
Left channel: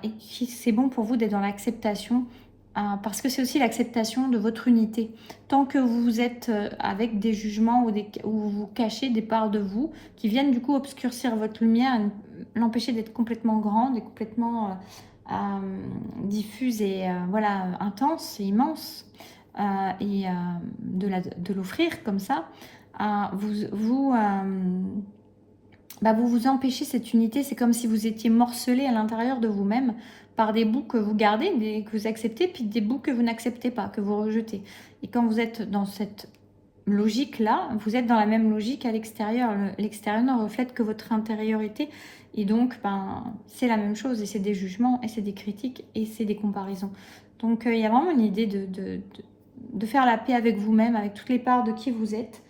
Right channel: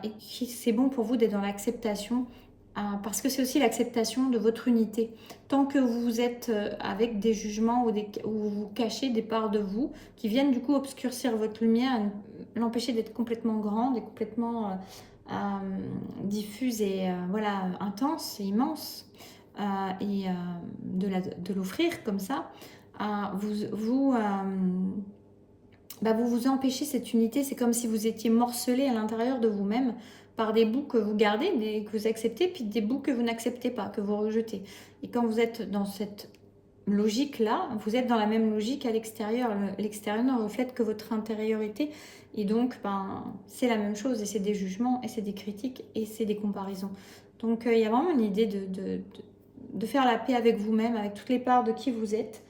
et que c'est bon pour vous d'être dans l'acceptation, parce que c'est aussi l'acceptation de votre unité. Tant que vous êtes avec des jugements ou vous cachez des parts de vous qui viennent du coup obscurcir votre lumière, l'empêcher d'être complètement grande et complètement diffuse et voilà, intense et immense, et de l'offrir comme ça, vous vous empêchez cette unité. C'est comme si vous étiez morcelé à l'intérieur de vous-même par des bouts que vous gardez, que vous acceptez, puis des bouts que vous n'acceptez pas, que vous rejetez. Et quand vous êtes dans cette logique-là, vous êtes dans la même logique à l'extérieur. L'extérieur ne reflète que votre intériorité. Et donc, c'est la même chose. Et c'est des jugements, et c'est des critiques, et c'est des comparaisons. Donc, il y a vraiment une idée de faire la paix avec vous-même, avec toutes les parts de qui vous êtes,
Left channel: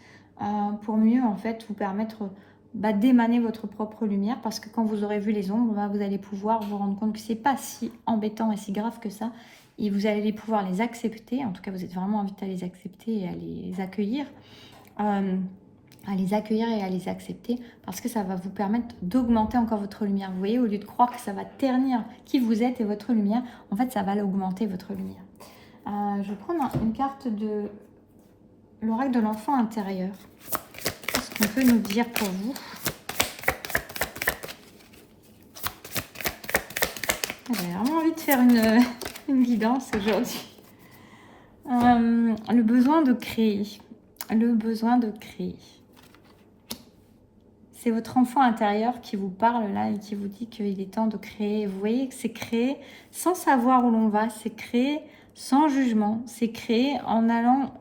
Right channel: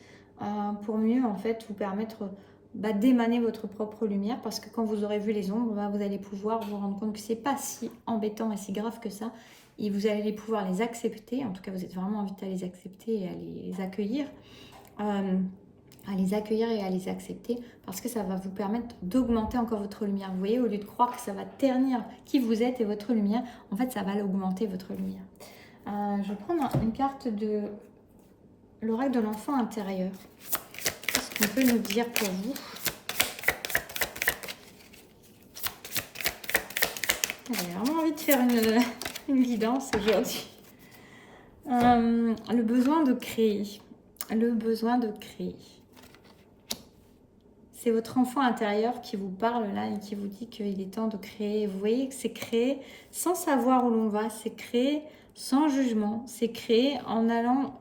pour mieux, en fait, vous permettre d'émaner votre propre lumière, parce que quand vous aurez vu les ombres, vous allez pouvoir vous rendre compte que c'est pas si embêtant et si grave que ça, et vous allez pouvoir les accepter. En tout cas, vous êtes vraiment invité à les accepter et à les accueillir, et à les accepter, parce que ça va vous permettre d'augmenter encore votre lumière. Vous voyez, au lieu de croire que ça va ternir qui vous êtes et votre lumière, en fait, ça va l'augmenter, votre lumière. Je vais prendre une carte de l'oracle de l'enfant intérieur. Qu'est-ce qu'on peut nous dire pour vous? J'ai vraiment envie de faire une guidance aujourd'hui. Le besoin de créer. Le besoin de créer. C'est votre enfant intérieur qui vous parle là et qui vous dit qu'il est temps de créer. Vous voyez que c'est créer sans savoir où l'on va. C'est créer sans jugement. C'est créer en allant,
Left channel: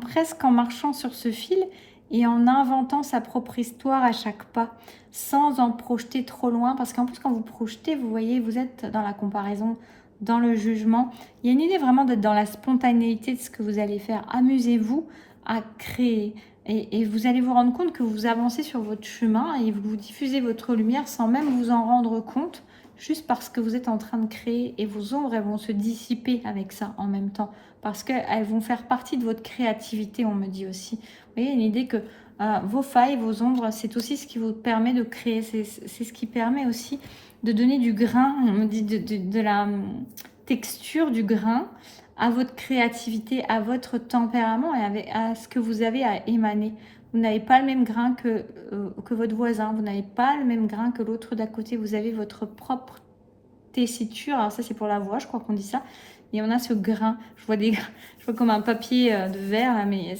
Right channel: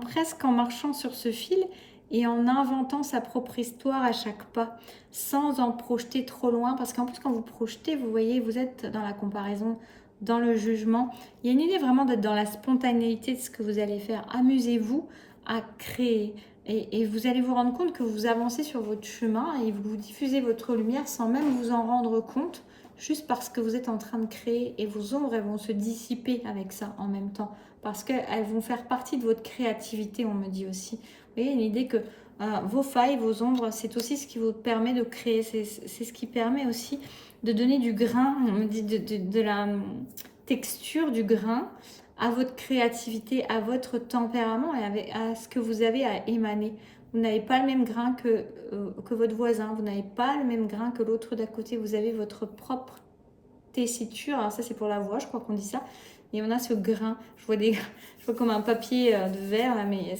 presque en marchant sur ce fil et en inventant sa propre histoire à chaque pas, sans en projeter trop loin. Parce qu'en plus, quand vous projetez, vous voyez, vous êtes dans la comparaison, dans le jugement. Il y a une idée vraiment d'être dans la spontanéité de ce que vous allez faire. Amusez-vous à créer. Et vous allez vous rendre compte que vous avancez sur votre chemin et vous diffusez votre lumière sans même vous en rendre compte, juste parce que vous êtes en train de créer, et vos ombres, elles vont se dissiper avec ça en même temps, parce qu'elles vont faire partie de votre créativité, on me dit aussi. Vous voyez, l'idée que vos failles, vos ombres, c'est aussi ce qui vous permet de créer, c'est ce qui permet aussi de donner du grain, on me dit de la texture, du grain, à votre créativité, à votre tempérament et à ce que vous avez à émaner. Vous n'avez pas le même grain que votre voisin, vous n'avez pas le même grain que l'autre d'à côté, vous avez votre propre tessiture. Alors ça, c'est pour la voix, je crois qu'on dit ça. Et on a ce grain, je vois comme un papier de verre, là, mais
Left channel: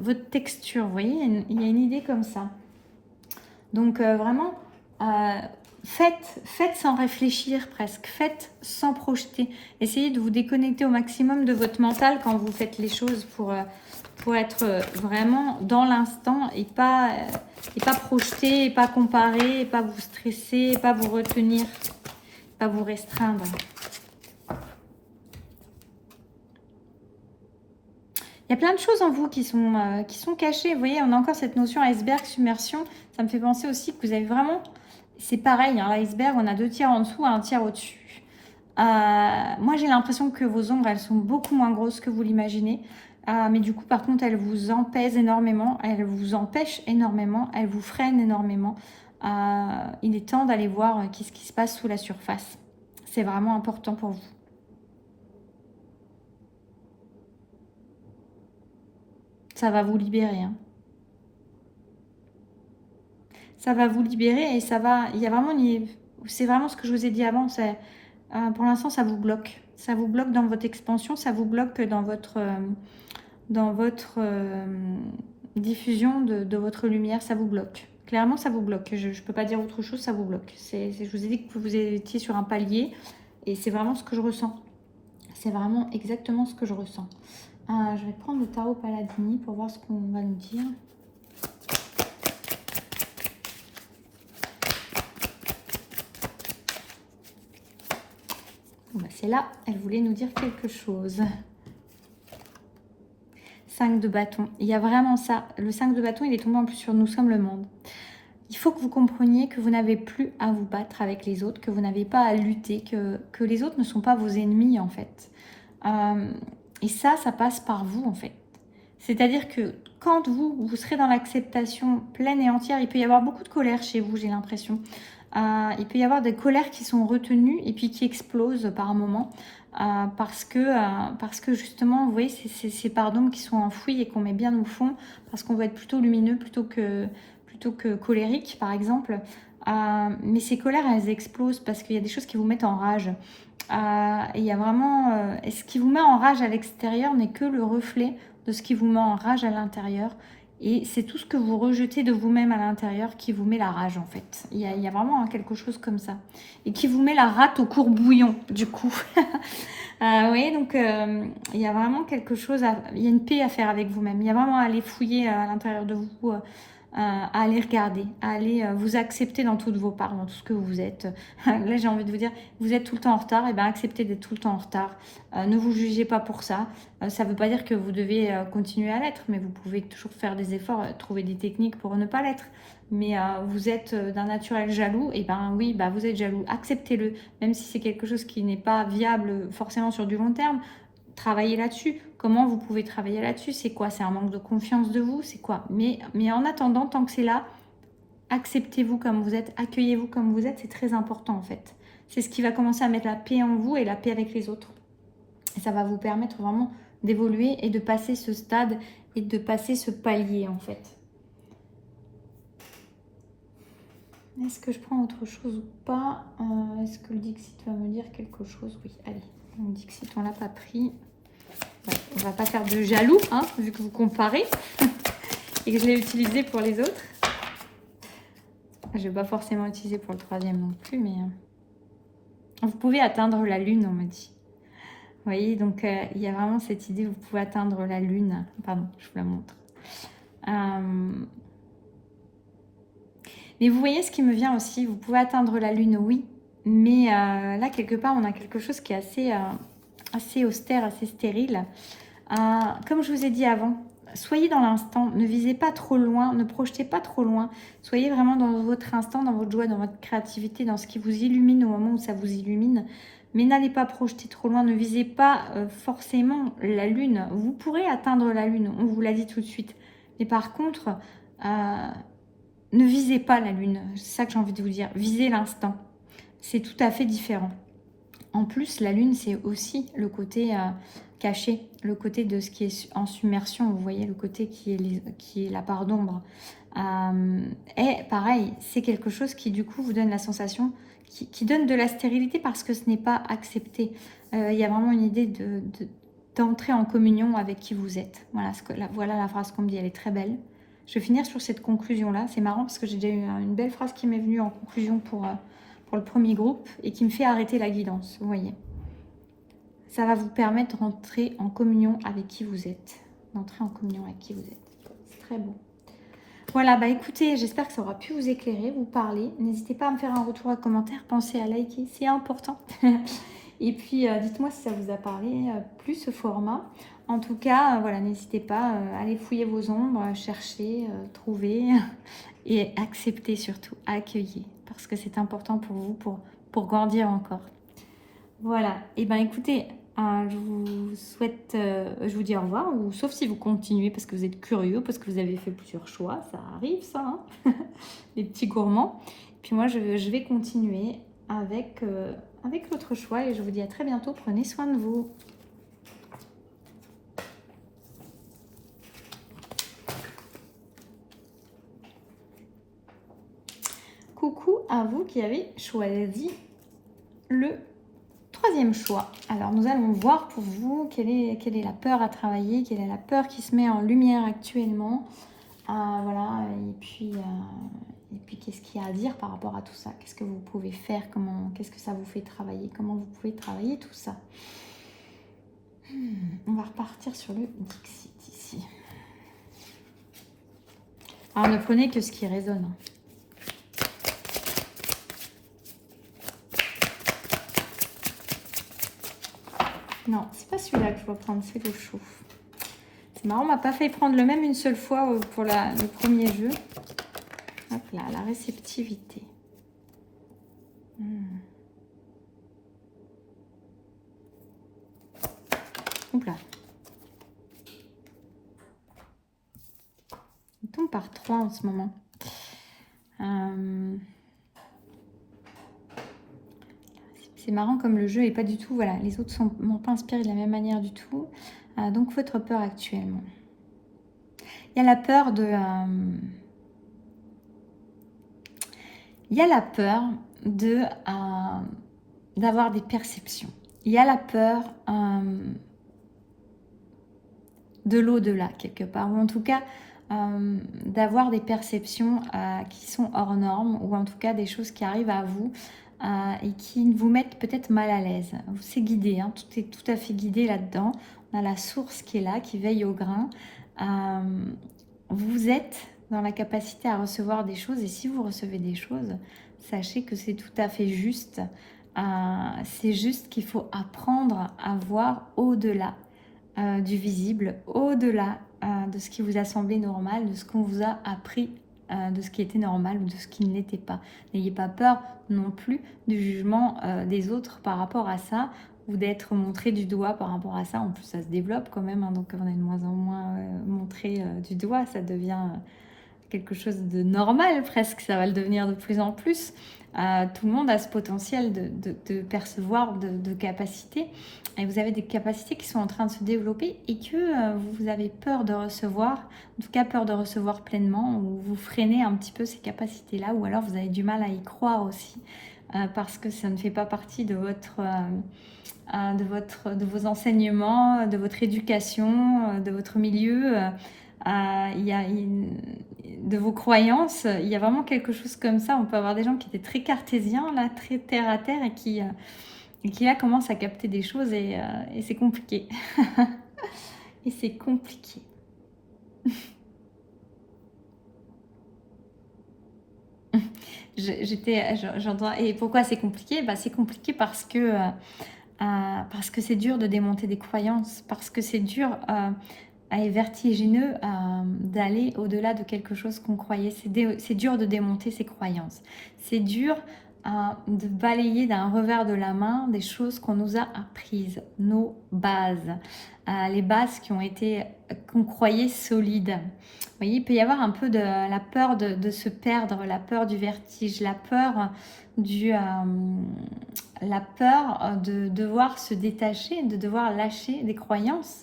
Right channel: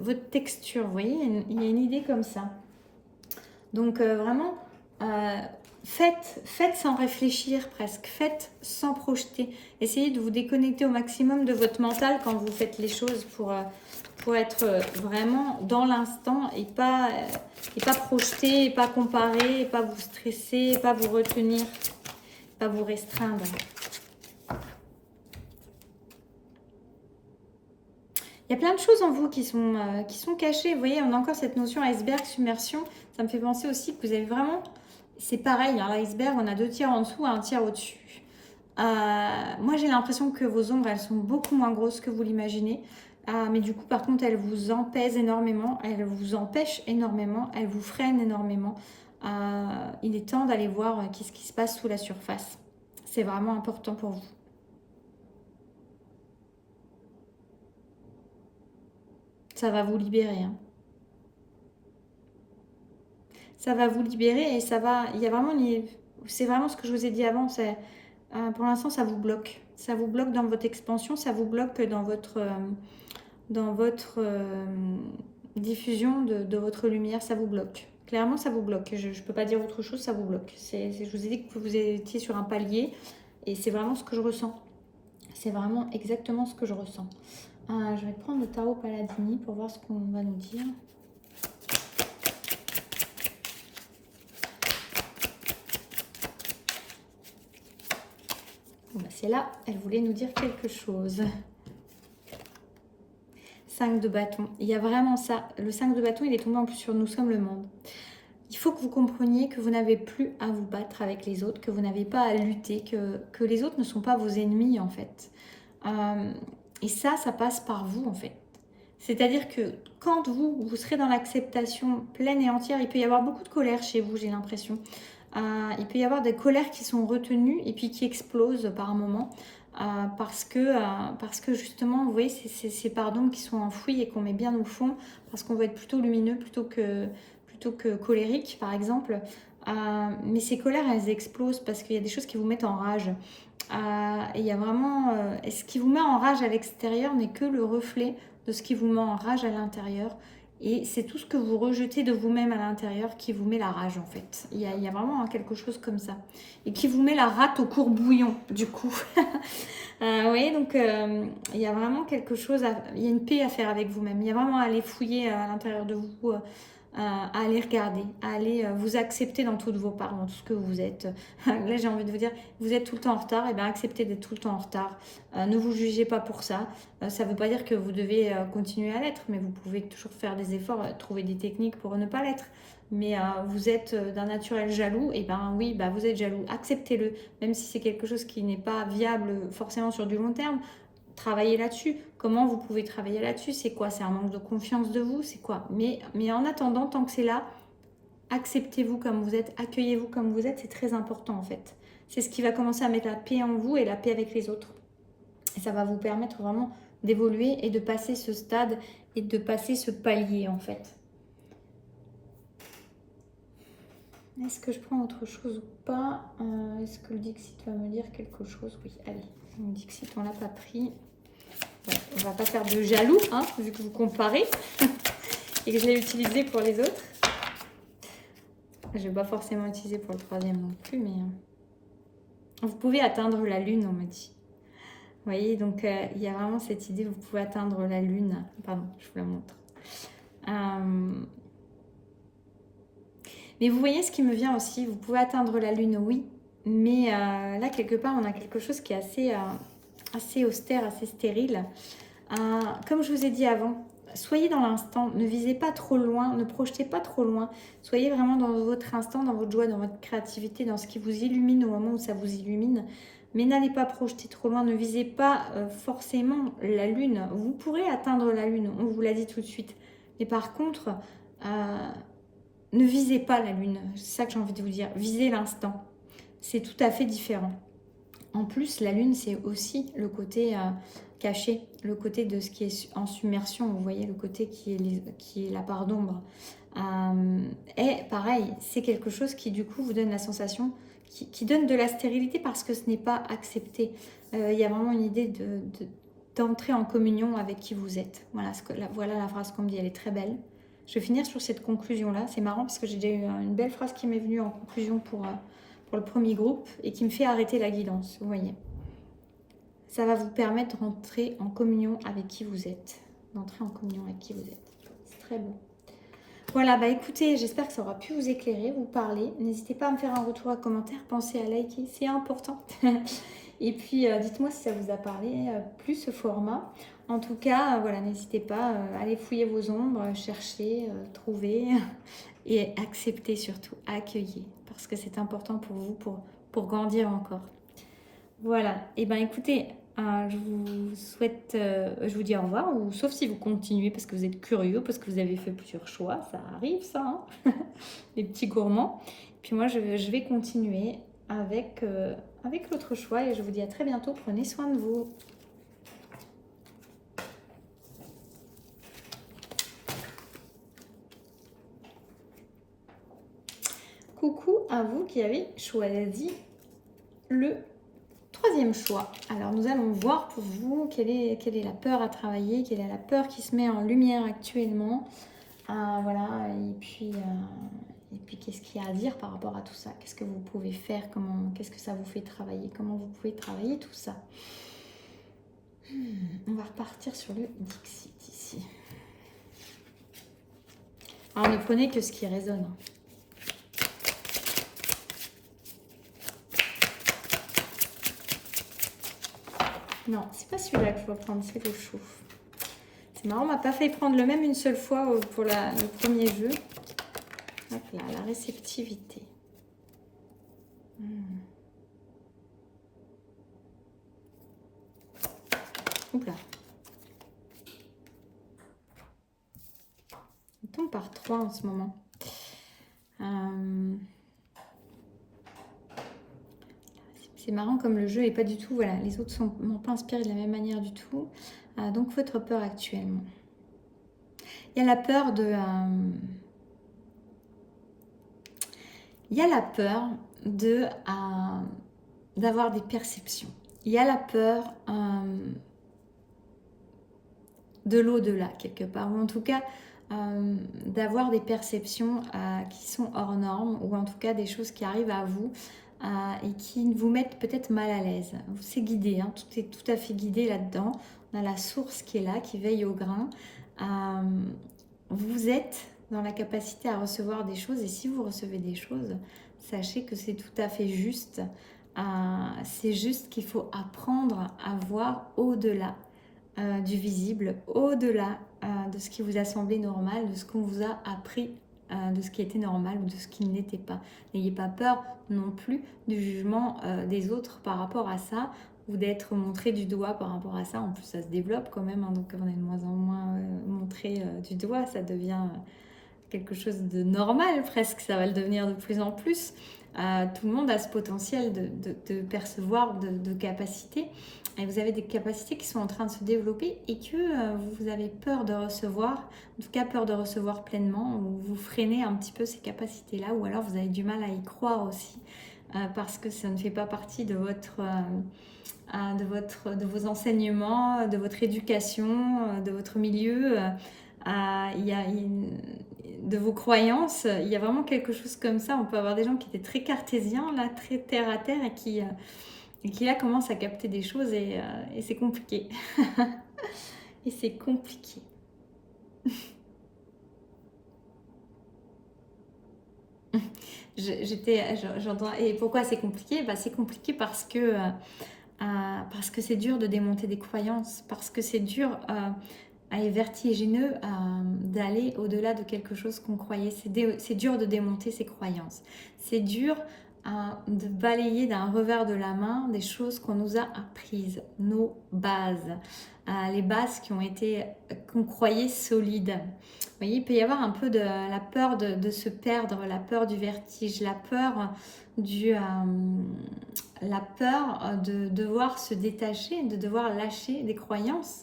votre texture, vous voyez, il y a une idée comme ça. Donc vraiment, faites sans réfléchir presque, faites sans projeter. Essayez de vous déconnecter au maximum de votre mental quand vous faites les choses pour être vraiment dans l'instant et pas projeter, et pas comparer, et pas vous stresser, et pas vous retenir, pas vous restreindre. Il y a plein de choses en vous qui sont cachées. Vous voyez, on a encore cette notion iceberg, submersion. Ça me fait penser aussi que vous avez vraiment... C'est pareil, hein, l'iceberg, on a 2 tiers en dessous et 1 tiers au-dessus. Moi, j'ai l'impression que vos ombres, elles sont beaucoup moins grosses que vous l'imaginez. Mais du coup, par contre, elles vous empèsent énormément, elles vous empêchent énormément, elles vous freinent énormément. Il est temps d'aller voir ce qui se passe sous la surface. C'est vraiment important pour vous. Ça va vous libérer. Hein. Ça va vous libérer et ça va... Il y a vraiment... C'est vraiment ce que je vous ai dit avant. Pour l'instant, ça vous bloque. Ça vous bloque dans votre expansion, ça vous bloque dans votre diffusion de votre lumière, ça vous bloque. Clairement, ça vous bloque. Je ne peux pas dire autre chose, ça vous bloque. Je vous ai dit que vous étiez sur un palier et c'est vraiment ce que je ressens. C'est vraiment exactement ce que je ressens. Je vais prendre le tarot Paladini pour voir ce qu'on va nous dire. C'est là, elle voulait nous dire quelque chose. 5 de bâton. Il y a vraiment ça. Le 5 de bâton, il est tombé en plus sur nous sommes le monde. Il faut que vous compreniez que vous n'avez plus à vous battre avec les autres, que vous n'avez pas à lutter, que les autres ne sont pas vos ennemis en fait. Et ça passe par vous en fait. C'est-à-dire que quand vous serez dans l'acceptation pleine et entière, il peut y avoir beaucoup de colère chez vous, j'ai l'impression. Il peut y avoir des colères qui sont retenues et puis qui explosent par un moment. Parce que justement, vous voyez, c'est ces parts d'ombre qui sont enfouies et qu'on met bien au fond, parce qu'on va être plutôt lumineux plutôt que colérique, par exemple. Mais ces colères, elles explosent parce qu'il y a des choses qui vous mettent en rage. Et il y a vraiment... et ce qui vous met en rage à l'extérieur n'est que le reflet de ce qui vous met en rage à l'intérieur. Et c'est tout ce que vous rejetez de vous-même à l'intérieur qui vous met la rage, en fait. Il y a vraiment quelque chose comme ça. Et qui vous met la rate au courbouillon, du coup. Vous voyez, donc il y a vraiment quelque chose, il y a une paix à faire avec vous-même. Il y a vraiment à aller fouiller à l'intérieur de vous, à aller regarder, à aller vous accepter dans toutes vos parts, dans tout ce que vous êtes. Là, j'ai envie de vous dire, vous êtes tout le temps en retard, et bien acceptez d'être tout le temps en retard. Ne vous jugez pas pour ça. Ça ne veut pas dire que vous devez continuer à l'être, mais vous pouvez toujours faire des efforts, trouver des techniques pour ne pas l'être. Mais vous êtes d'un naturel jaloux, et ben oui, bah vous êtes jaloux, acceptez-le, même si c'est quelque chose qui n'est pas viable forcément sur du long terme, travaillez là-dessus. Comment vous pouvez travailler là-dessus? C'est quoi? C'est un manque de confiance de vous? C'est quoi? Mais en attendant, tant que c'est là, acceptez-vous comme vous êtes, accueillez-vous comme vous êtes, c'est très important en fait. C'est ce qui va commencer à mettre la paix en vous et la paix avec les autres. Et ça va vous permettre vraiment d'évoluer et de passer ce stade et de passer ce palier en fait. Est-ce que je prends autre chose ou pas? Est-ce que le Dixit va me dire quelque chose? Oui, allez. Le Dixit, on l'a pas pris. Ouais, on va pas faire de jaloux, hein, vu que vous comparez. Et que je l'ai utilisé pour les autres. Je ne vais pas forcément utiliser pour le troisième non plus, mais... Vous pouvez atteindre la lune, on me dit. Vous voyez, donc il y a vraiment cette idée, vous pouvez atteindre la lune. Pardon, je vous la montre. Mais vous voyez ce qui me vient aussi, vous pouvez atteindre la lune, oui, mais là, quelque part, on a quelque chose qui est assez austère, assez stérile. Comme je vous ai dit avant, soyez dans l'instant, ne visez pas trop loin, ne projetez pas trop loin, soyez vraiment dans votre instant, dans votre joie, dans votre créativité, dans ce qui vous illumine au moment où ça vous illumine. Mais n'allez pas projeter trop loin, ne visez pas forcément la lune. Vous pourrez atteindre la lune, on vous l'a dit tout de suite. Mais par contre... ne visez pas la lune, c'est ça que j'ai envie de vous dire. Visez l'instant. C'est tout à fait différent. En plus, la lune, c'est aussi le côté caché, le côté de ce qui est en submersion. Vous voyez, le côté qui est la part d'ombre. Et pareil, c'est quelque chose qui, du coup, vous donne la sensation, qui donne de la stérilité parce que ce n'est pas accepté. Il y a vraiment une idée d'entrer en communion avec qui vous êtes. Voilà la phrase qu'on me dit, elle est très belle. Je vais finir sur cette conclusion-là. C'est marrant parce que j'ai déjà eu une belle phrase qui m'est venue en conclusion pour le premier groupe et qui me fait arrêter la guidance, vous voyez. Ça va vous permettre d'entrer en communion avec qui vous êtes. D'entrer en communion avec qui vous êtes. C'est très beau. Voilà, bah écoutez, j'espère que ça aura pu vous éclairer, vous parler. N'hésitez pas à me faire un retour à commentaire. Pensez à liker, c'est important. Et puis, dites-moi si ça vous a parlé plus ce format. En tout cas, voilà, n'hésitez pas, allez fouiller vos ombres, chercher, trouver et accepter surtout, accueillir. Parce que c'est important pour vous, pour grandir encore. Voilà, et bien écoutez, je vous souhaite, je vous dis au revoir, ou sauf si vous continuez parce que vous êtes curieux, parce que vous avez fait plusieurs choix, ça arrive ça, hein. Les petits gourmands. Puis moi, je vais continuer avec l'autre choix et je vous dis à très bientôt, prenez soin de vous. Coucou à vous qui avez choisi le troisième choix. Alors nous allons voir pour vous quelle est la peur à travailler, quelle est la peur qui se met en lumière actuellement. Voilà, et puis Et puis, qu'est-ce qu'il y a à dire par rapport à tout ça? Qu'est-ce que vous pouvez faire? Qu'est-ce que ça vous fait travailler? Comment vous pouvez travailler tout ça? On va repartir sur le Dixit ici. Alors, ne prenez que ce qui résonne. Non, c'est pas celui-là que je dois prendre, c'est le chouf. C'est marrant, on m'a pas fait prendre le même une seule fois pour le premier jeu. Hop là, la réceptivité. Hop là. On tombe par 3 en ce moment. C'est marrant comme le jeu est pas du tout... Voilà, les autres m'ont pas inspiré de la même manière du tout. Donc, votre peur actuellement. Il y a la peur de... il y a la peur d'avoir des perceptions. Il y a la peur de l'au-delà, quelque part. Ou en tout cas, d'avoir des perceptions qui sont hors normes. Ou en tout cas, des choses qui arrivent à vous et qui vous mettent peut-être mal à l'aise. C'est guidé, hein, tout est tout à fait guidé là-dedans. On a la source qui est là, qui veille au grain. Vous êtes dans la capacité à recevoir des choses, et si vous recevez des choses, sachez que c'est tout à fait juste. C'est juste qu'il faut apprendre à voir au-delà du visible, au-delà de ce qui vous a semblé normal, de ce qu'on vous a appris, de ce qui était normal ou de ce qui ne l'était pas. N'ayez pas peur non plus du jugement des autres par rapport à ça, ou d'être montré du doigt par rapport à ça. En plus, ça se développe quand même, hein, donc on est de moins en moins montré du doigt, ça devient quelque chose de normal presque, ça va le devenir de plus en plus. Tout le monde a ce potentiel de percevoir, de capacité, et vous avez des capacités qui sont en train de se développer et que vous avez peur de recevoir, en tout cas peur de recevoir pleinement, ou vous freinez un petit peu ces capacités-là, ou alors vous avez du mal à y croire aussi, parce que ça ne fait pas partie de vos enseignements, de votre éducation, de votre milieu, de vos croyances. Il y a vraiment quelque chose comme ça. On peut avoir des gens qui étaient très cartésiens, là, très terre à terre, et qui là commencent à capter des choses, et c'est compliqué. Et c'est compliqué. J'entends. Et pourquoi c'est compliqué? C'est compliqué parce que c'est dur de démonter des croyances, parce que c'est dur et vertigineux d'aller au-delà de quelque chose qu'on croyait. C'est dur de démonter ses croyances. C'est dur de balayer d'un revers de la main des choses qu'on nous a apprises, nos bases, les bases qu'on croyait solides. Vous voyez, il peut y avoir un peu de la peur de se perdre, la peur du vertige, la peur de devoir se détacher, de devoir lâcher des croyances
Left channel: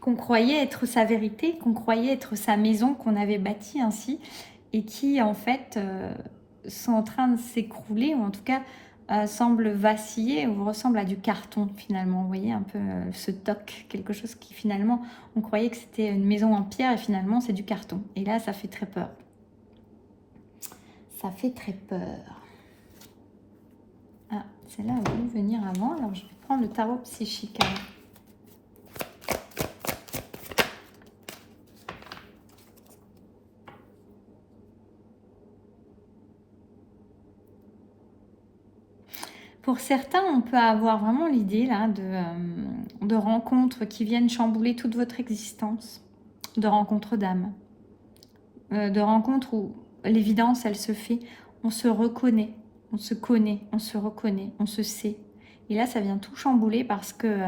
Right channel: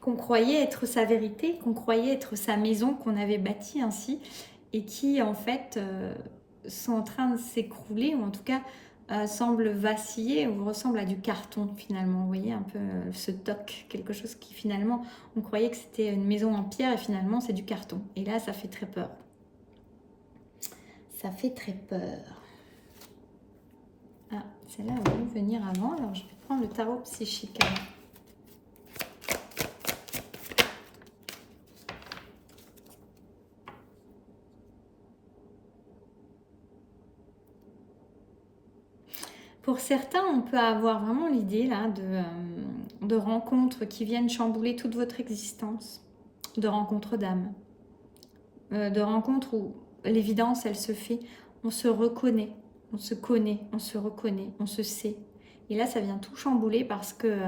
qu'on croyait être sa vérité, qu'on croyait être sa maison, qu'on avait bâtie ainsi, et qui en fait sont en train de s'écrouler, ou en tout cas semblent vaciller, ou ressemblent à du carton finalement. Vous voyez un peu ce toc, quelque chose qui finalement, on croyait que c'était une maison en pierre, et finalement c'est du carton. Et là, ça fait très peur. Ça fait très peur. Ah, celle-là va nous venir avant, alors je vais prendre le tarot psychique avant. Pour certains, on peut avoir vraiment l'idée là de rencontres qui viennent chambouler toute votre existence, de rencontres d'âme, de rencontres où l'évidence, elle se fait, on se reconnaît, on se connaît, on se reconnaît, on se sait. Et là, ça vient tout chambouler parce que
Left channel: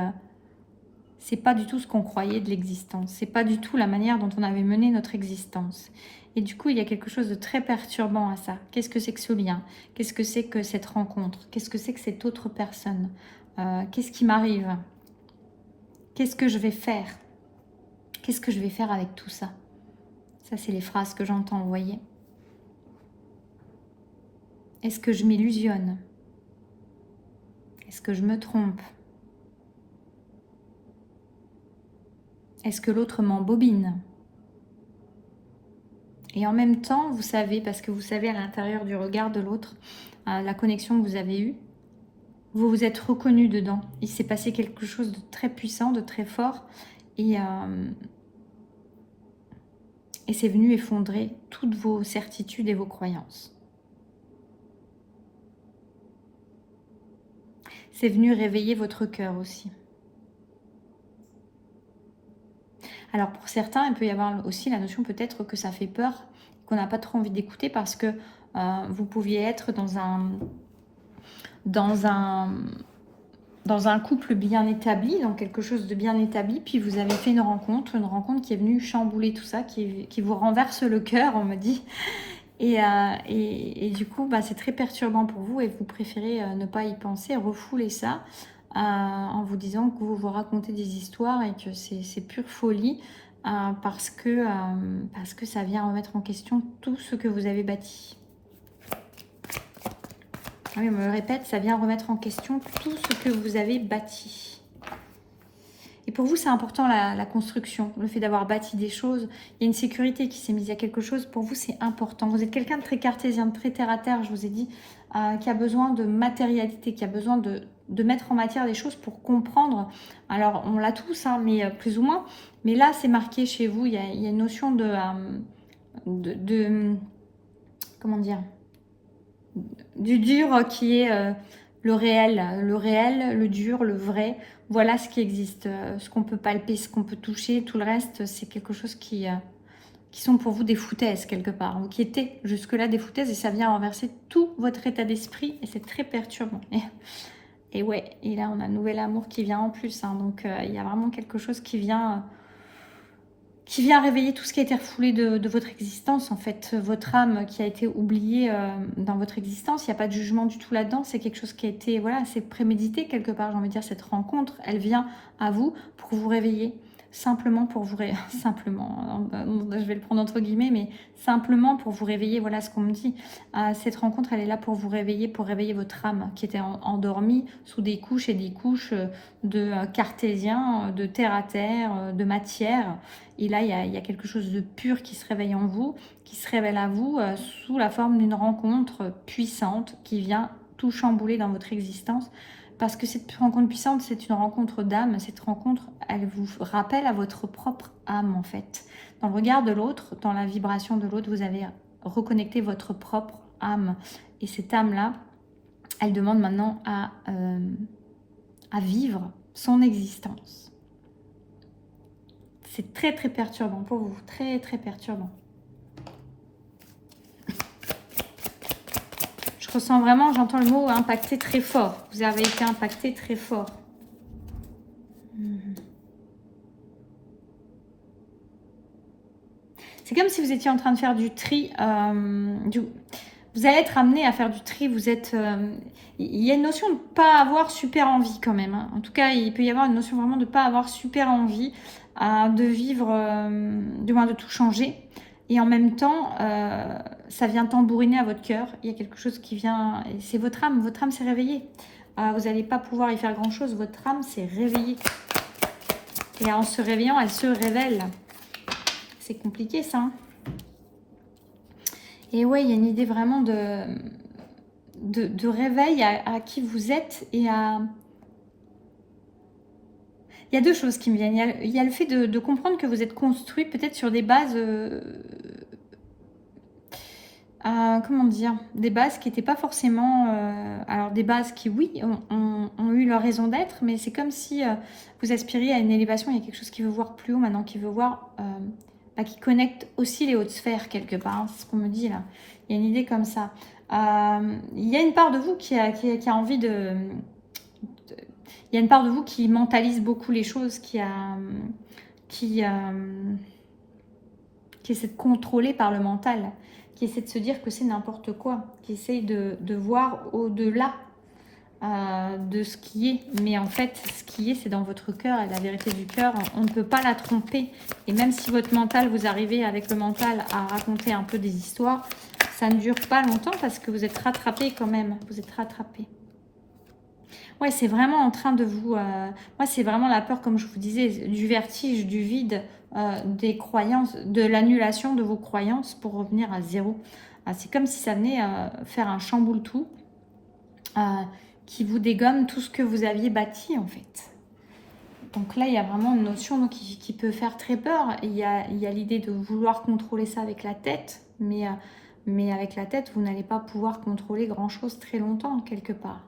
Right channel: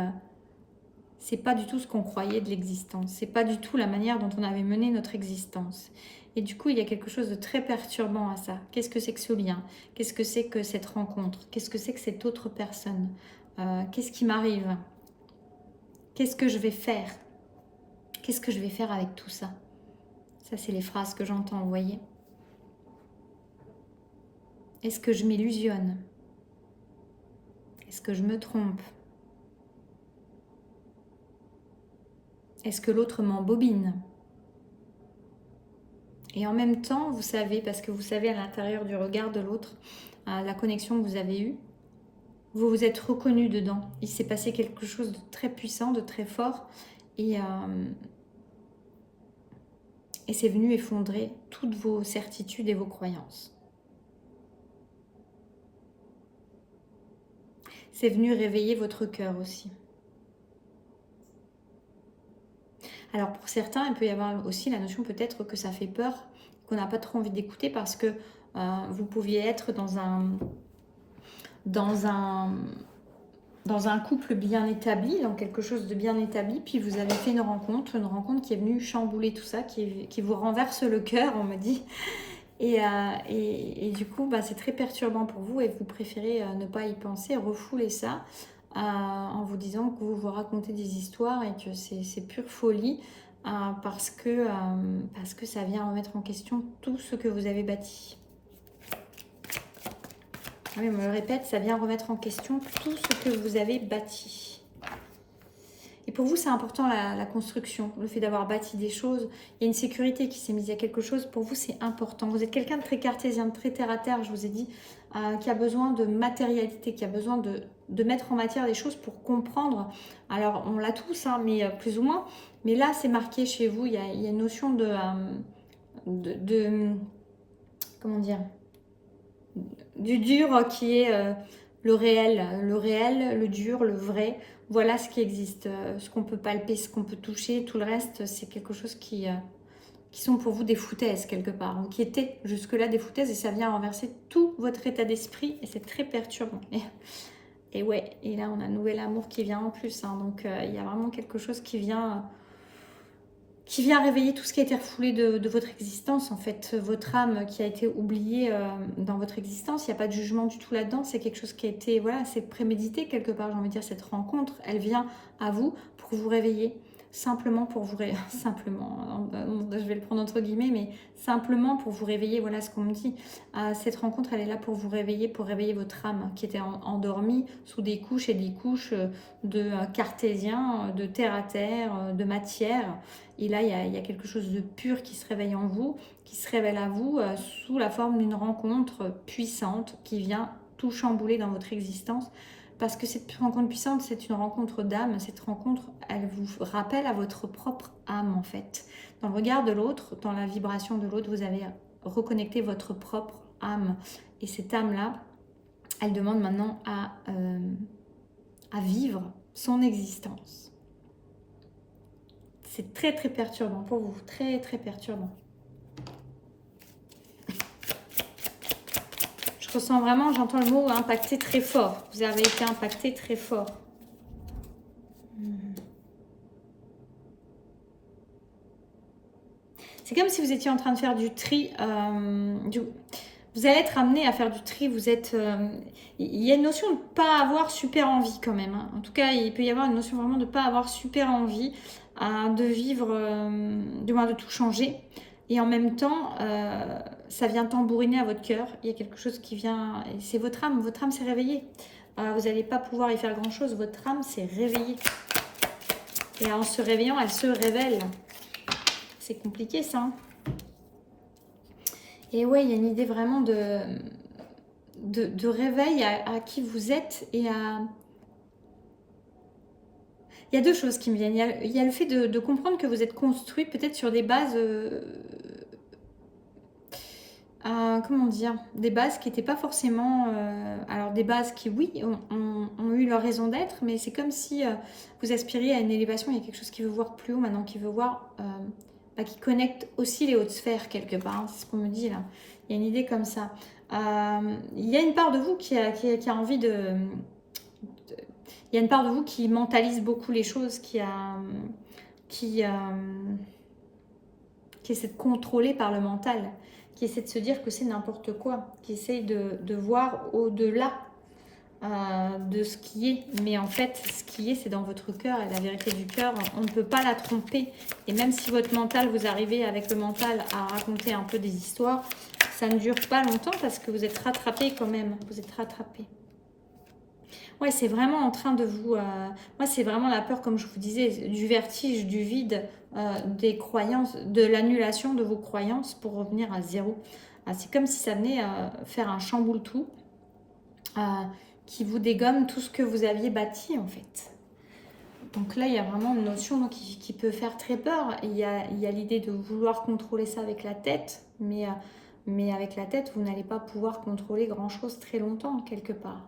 c'est pas du tout ce qu'on croyait de l'existence, c'est pas du tout la manière dont on avait mené notre existence. Et du coup, il y a quelque chose de très perturbant à ça. Qu'est-ce que c'est que ce lien? Qu'est-ce que c'est que cette rencontre? Qu'est-ce que c'est que cette autre personne? Qu'est-ce qui m'arrive? Qu'est-ce que je vais faire? Qu'est-ce que je vais faire avec tout ça? Ça, c'est les phrases que j'entends, vous voyez. Est-ce que je m'illusionne? Est-ce que je me trompe? Est-ce que l'autre m'embobine? Et en même temps, vous savez, parce que vous savez à l'intérieur du regard de l'autre, la connexion que vous avez eue, vous vous êtes reconnu dedans. Il s'est passé quelque chose de très puissant, de très fort. Et c'est venu effondrer toutes vos certitudes et vos croyances. C'est venu réveiller votre cœur aussi. Alors pour certains, il peut y avoir aussi la notion peut-être que ça fait peur, qu'on n'a pas trop envie d'écouter parce que vous pouviez être dans un couple bien établi, dans quelque chose de bien établi, puis vous avez fait une rencontre qui est venue chambouler tout ça, qui vous renverse le cœur, on me dit. Et du coup, c'est très perturbant pour vous et vous préférez ne pas y penser, refouler ça en vous disant que vous vous racontez des histoires et que c'est pure folie parce que ça vient remettre en question tout ce que vous avez bâti. Oui, on me le répète, ça vient remettre en question tout ce que vous avez bâti. Et pour vous, c'est important la construction, le fait d'avoir bâti des choses. Il y a une sécurité qui s'est mise, il y a quelque chose, pour vous, c'est important. Vous êtes quelqu'un de très cartésien, de très terre-à-terre, je vous ai dit, qui a besoin de matérialité, qui a besoin de mettre en matière des choses pour comprendre. Alors, on l'a tous, hein, mais plus ou moins. Mais là, c'est marqué chez vous, il y a une notion de comment dire, du dur qui est le réel, le dur, le vrai. Voilà ce qui existe, ce qu'on peut palper, ce qu'on peut toucher. Tout le reste, c'est quelque chose qui sont pour vous des foutaises quelque part, ou qui étaient jusque-là des foutaises, et ça vient renverser tout votre état d'esprit, et c'est très perturbant. Et ouais, et là on a un nouvel amour qui vient en plus, hein, donc il y a vraiment quelque chose qui vient réveiller tout ce qui a été refoulé de votre existence, en fait. Votre âme qui a été oubliée dans votre existence, il n'y a pas de jugement du tout là-dedans. C'est quelque chose qui a été, voilà, c'est prémédité quelque part, j'ai envie de dire. Cette rencontre, elle vient à vous pour vous réveiller. Simplement pour vous réveiller, simplement, je vais le prendre entre guillemets, mais simplement pour vous réveiller, voilà ce qu'on me dit. Cette rencontre, elle est là pour vous réveiller, pour réveiller votre âme qui était endormie sous des couches et des couches de cartésien, de terre à terre, de matière. Et là, il y a quelque chose de pur qui se réveille en vous, qui se révèle à vous sous la forme d'une rencontre puissante qui vient tout chambouler dans votre existence. Parce que cette rencontre puissante, c'est une rencontre d'âme. Cette rencontre, elle vous rappelle à votre propre âme, en fait. Dans le regard de l'autre, dans la vibration de l'autre, vous avez reconnecté votre propre âme. Et cette âme-là, elle demande maintenant à vivre son existence. C'est très, très perturbant pour vous. Très, très perturbant. Je ressens vraiment, j'entends le mot impacté très fort. Vous avez été impacté très fort. C'est comme si vous étiez en train de faire du tri. Vous allez être amené à faire du tri. Vous êtes. Il y a une notion de ne pas avoir super envie quand même. Hein. En tout cas, il peut y avoir une notion vraiment de ne pas avoir super envie de vivre, du moins de tout changer. Et en même temps, ça vient tambouriner à votre cœur. Il y a quelque chose qui vient... C'est votre âme s'est réveillée. Vous n'allez pas pouvoir y faire grand-chose. Votre âme s'est réveillée. Et en se réveillant, elle se révèle. C'est compliqué ça. Hein. Et oui, il y a une idée vraiment de réveil à qui vous êtes et à... Il y a deux choses qui me viennent. Il y a le fait de comprendre que vous êtes construit peut-être sur des bases... comment dire, des bases qui n'étaient pas forcément... alors des bases qui, oui, ont eu leur raison d'être, mais c'est comme si vous aspiriez à une élévation. Il y a quelque chose qui veut voir plus haut maintenant, qui veut voir... qui connecte aussi les hautes sphères quelque part. Hein, c'est ce qu'on me dit là. Il y a une idée comme ça. Il y a une part de vous qui a envie de... Il y a une part de vous qui mentalise beaucoup les choses, qui essaie de contrôler par le mental, qui essaie de se dire que c'est n'importe quoi, qui essaie de voir au-delà de ce qui est. Mais en fait, ce qui est, c'est dans votre cœur, et la vérité du cœur, on ne peut pas la tromper. Et même si votre mental, vous arrivez avec le mental à raconter un peu des histoires, ça ne dure pas longtemps parce que vous êtes rattrapé quand même. Vous êtes rattrapé. Ouais, c'est vraiment en train de vous... moi, c'est vraiment la peur, comme je vous disais, du vertige, du vide, des croyances, de l'annulation de vos croyances pour revenir à zéro. C'est comme si ça venait faire un chamboule-tout qui vous dégomme tout ce que vous aviez bâti en fait. Donc là, il y a vraiment une notion qui peut faire très peur. Il y a l'idée de vouloir contrôler ça avec la tête, mais avec la tête, vous n'allez pas pouvoir contrôler grand-chose très longtemps, quelque part.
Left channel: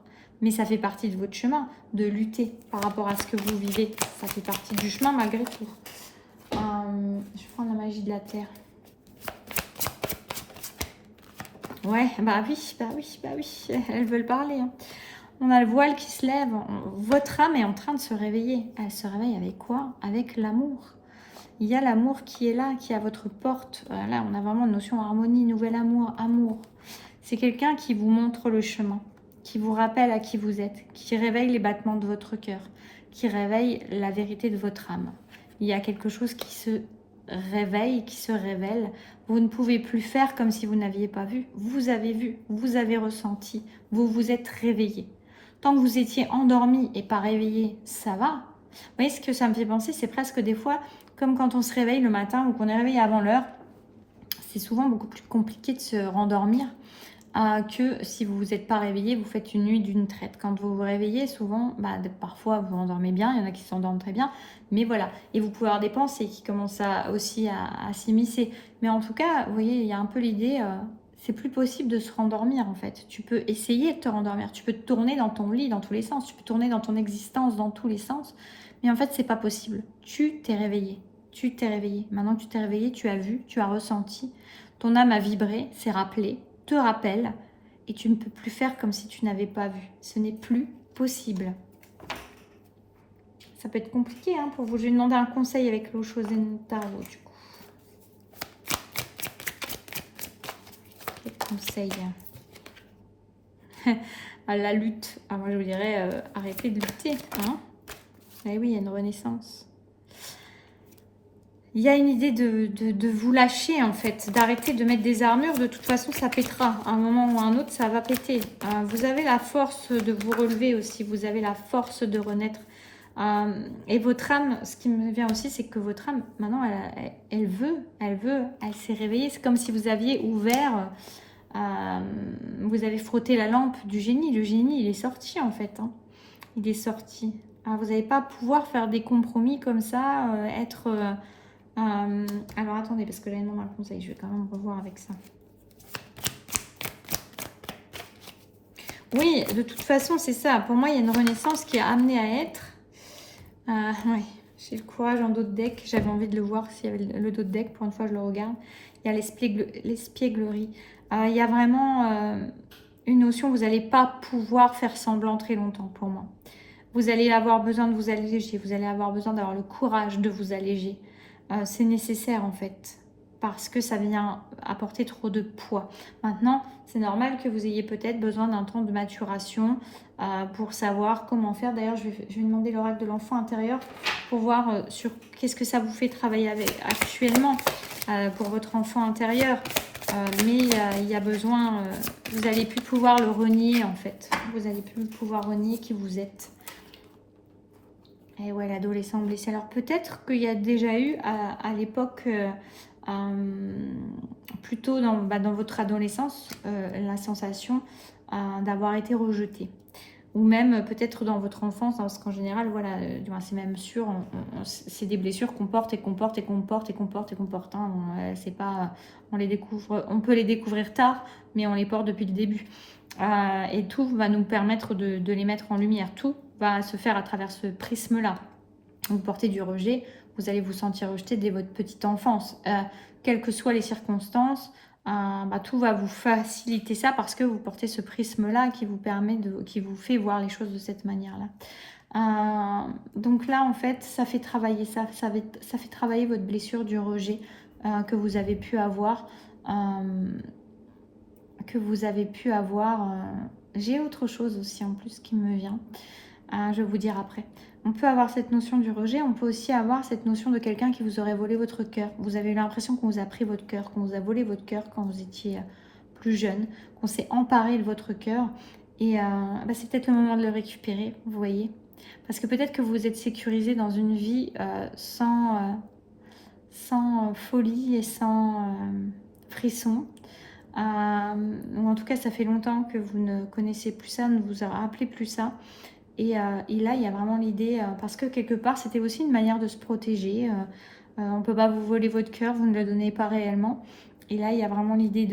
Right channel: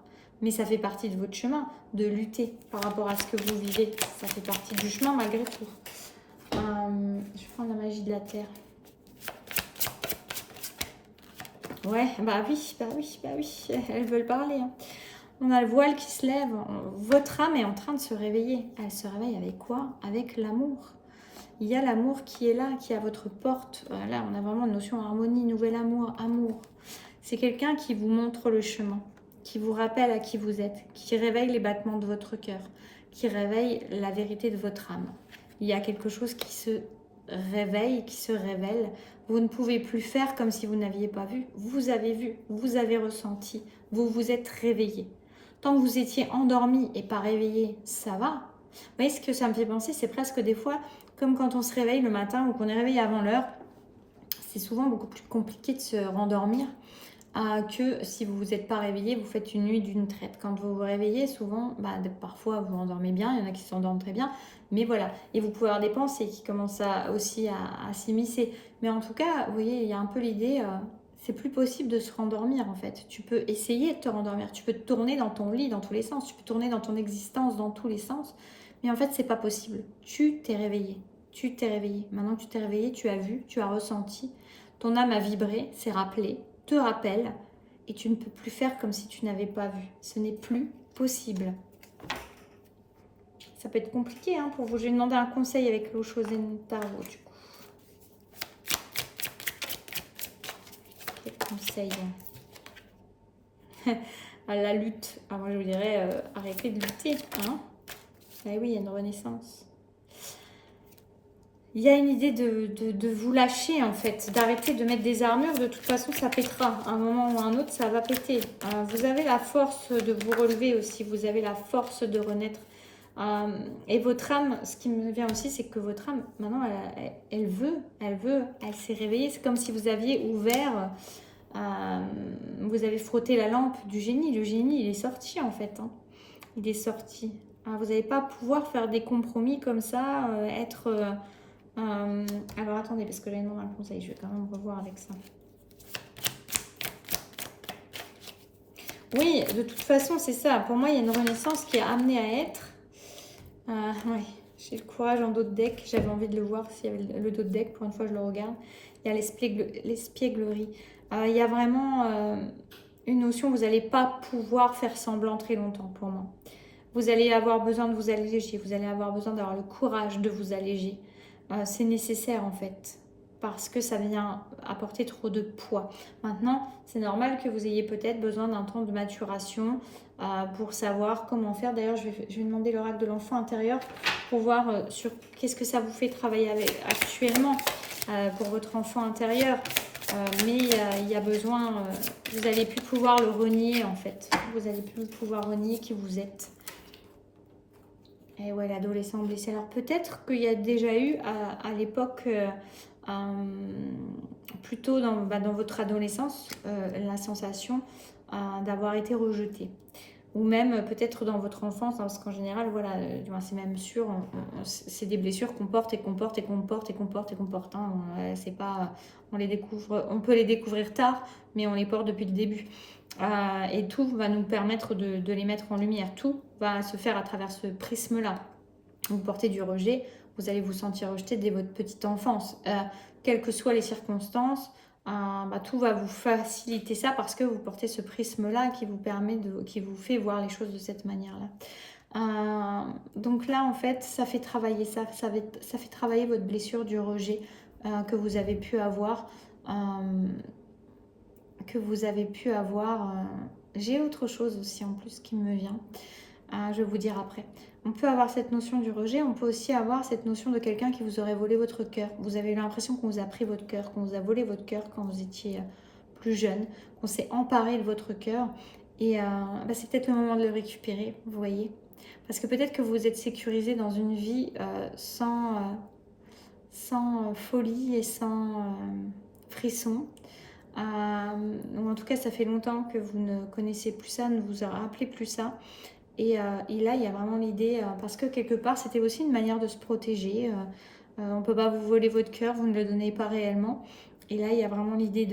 Mais ça fait partie de votre chemin, de lutter par rapport à ce que vous vivez. Ça fait partie du chemin malgré tout. Je vais prendre la magie de la terre. Ouais, bah oui, elles veulent parler. Hein. On a le voile qui se lève. Votre âme est en train de se réveiller. Elle se réveille avec quoi? Avec l'amour. Il y a l'amour qui est là, qui est à votre porte. Là, on a vraiment une notion harmonie, nouvel amour, amour. C'est quelqu'un qui vous montre le chemin, qui vous rappelle à qui vous êtes, qui réveille les battements de votre cœur, qui réveille la vérité de votre âme. Il y a quelque chose qui se réveille, qui se révèle. Vous ne pouvez plus faire comme si vous n'aviez pas vu. Vous avez ressenti, vous vous êtes réveillé. Tant que vous étiez endormi et pas réveillé, ça va. Vous voyez ce que ça me fait penser, c'est presque des fois comme quand on se réveille le matin ou qu'on est réveillé avant l'heure. C'est souvent beaucoup plus compliqué de se rendormir que si vous vous êtes pas réveillé, vous faites une nuit d'une traite. Quand vous vous réveillez, souvent, parfois vous endormez bien, il y en a qui s'endorment très bien, mais voilà. Et vous pouvez avoir des pensées qui commencent aussi à s'immiscer. Mais en tout cas, vous voyez, il y a un peu l'idée... c'est plus possible de se rendormir en fait. Tu peux essayer de te rendormir, tu peux te tourner dans ton lit dans tous les sens, tu peux tourner dans ton existence dans tous les sens, mais en fait c'est pas possible. Tu t'es réveillé, tu t'es réveillé. Maintenant que tu t'es réveillé, tu as vu, tu as ressenti, ton âme a vibré, s'est rappelé, te rappelle, et tu ne peux plus faire comme si tu n'avais pas vu. Ce n'est plus possible. Ça peut être compliqué hein, pour vous. Je vais demander un conseil avec l'eau Shosen Tarot du coup. Conseil à la lutte. Moi je vous dirais arrêtez de lutter. Hein. Oui, il y a une renaissance. Il y a une idée de vous lâcher en fait, d'arrêter de mettre des armures. De toute façon, ça pétera. À un moment ou à un autre, ça va péter. Vous avez la force de vous relever aussi. Vous avez la force de renaître. Et votre âme, ce qui me vient aussi, c'est que votre âme, maintenant, elle s'est réveillée. C'est comme si vous aviez ouvert... vous avez frotté la lampe du génie. Le génie, il est sorti en fait. Hein. Il est sorti. Vous n'allez pas pouvoir faire des compromis comme ça, alors attendez, parce que j'avais demandé un conseil. Je vais quand même revoir avec ça. Oui, de toute façon, c'est ça. Pour moi, il y a une renaissance qui est amenée à être. Oui, j'ai le courage en dos de deck. J'avais envie de le voir s'il y avait le dos de deck. Pour une fois, je le regarde. Il y a l'espièglerie. Il y a vraiment une notion, vous n'allez pas pouvoir faire semblant très longtemps pour moi. Vous allez avoir besoin de vous alléger, vous allez avoir besoin d'avoir le courage de vous alléger. C'est nécessaire en fait, parce que ça vient apporter trop de poids. Maintenant, c'est normal que vous ayez peut-être besoin d'un temps de maturation pour savoir comment faire. D'ailleurs, je vais demander l'oracle de l'enfant intérieur pour voir sur qu'est-ce que ça vous fait travailler actuellement pour votre enfant intérieur. Mais il y a besoin, vous n'allez plus pouvoir le renier en fait. Vous n'allez plus pouvoir renier qui vous êtes. Et ouais, l'adolescent blessé. Alors peut-être qu'il y a déjà eu à l'époque, plutôt dans votre adolescence, la sensation d'avoir été rejeté. Ou même peut-être dans votre enfance, hein, parce qu'en général, voilà, c'est même sûr, c'est des blessures qu'on porte et qu'on porte et qu'on porte et qu'on porte et qu'on porte. Hein, c'est pas, on les découvre, on peut les découvrir tard, mais on les porte depuis le début. Et tout va nous permettre de les mettre en lumière. Tout va se faire à travers ce prisme-là. Vous portez du rejet, vous allez vous sentir rejeté dès votre petite enfance. Quelles que soient les circonstances, tout va vous faciliter ça parce que vous portez ce prisme-là qui vous permet qui vous fait voir les choses de cette manière-là. Donc là, en fait, ça fait travailler ça fait travailler votre blessure du rejet que vous avez pu avoir. J'ai autre chose aussi en plus qui me vient. Je vais vous dire après. On peut avoir cette notion du rejet, on peut aussi avoir cette notion de quelqu'un qui vous aurait volé votre cœur. Vous avez eu l'impression qu'on vous a pris votre cœur, qu'on vous a volé votre cœur quand vous étiez plus jeune, qu'on s'est emparé de votre cœur. Et c'est peut-être le moment de le récupérer, vous voyez. Parce que peut-être que vous êtes sécurisé dans une vie sans sans folie et sans frisson. Ou en tout cas, ça fait longtemps que vous ne connaissez plus ça, ne vous rappelez plus ça. Et là, il y a vraiment l'idée, parce que quelque part, c'était aussi une manière de se protéger. On ne peut pas vous voler votre cœur, vous ne le donnez pas réellement. Et là, il y a vraiment l'idée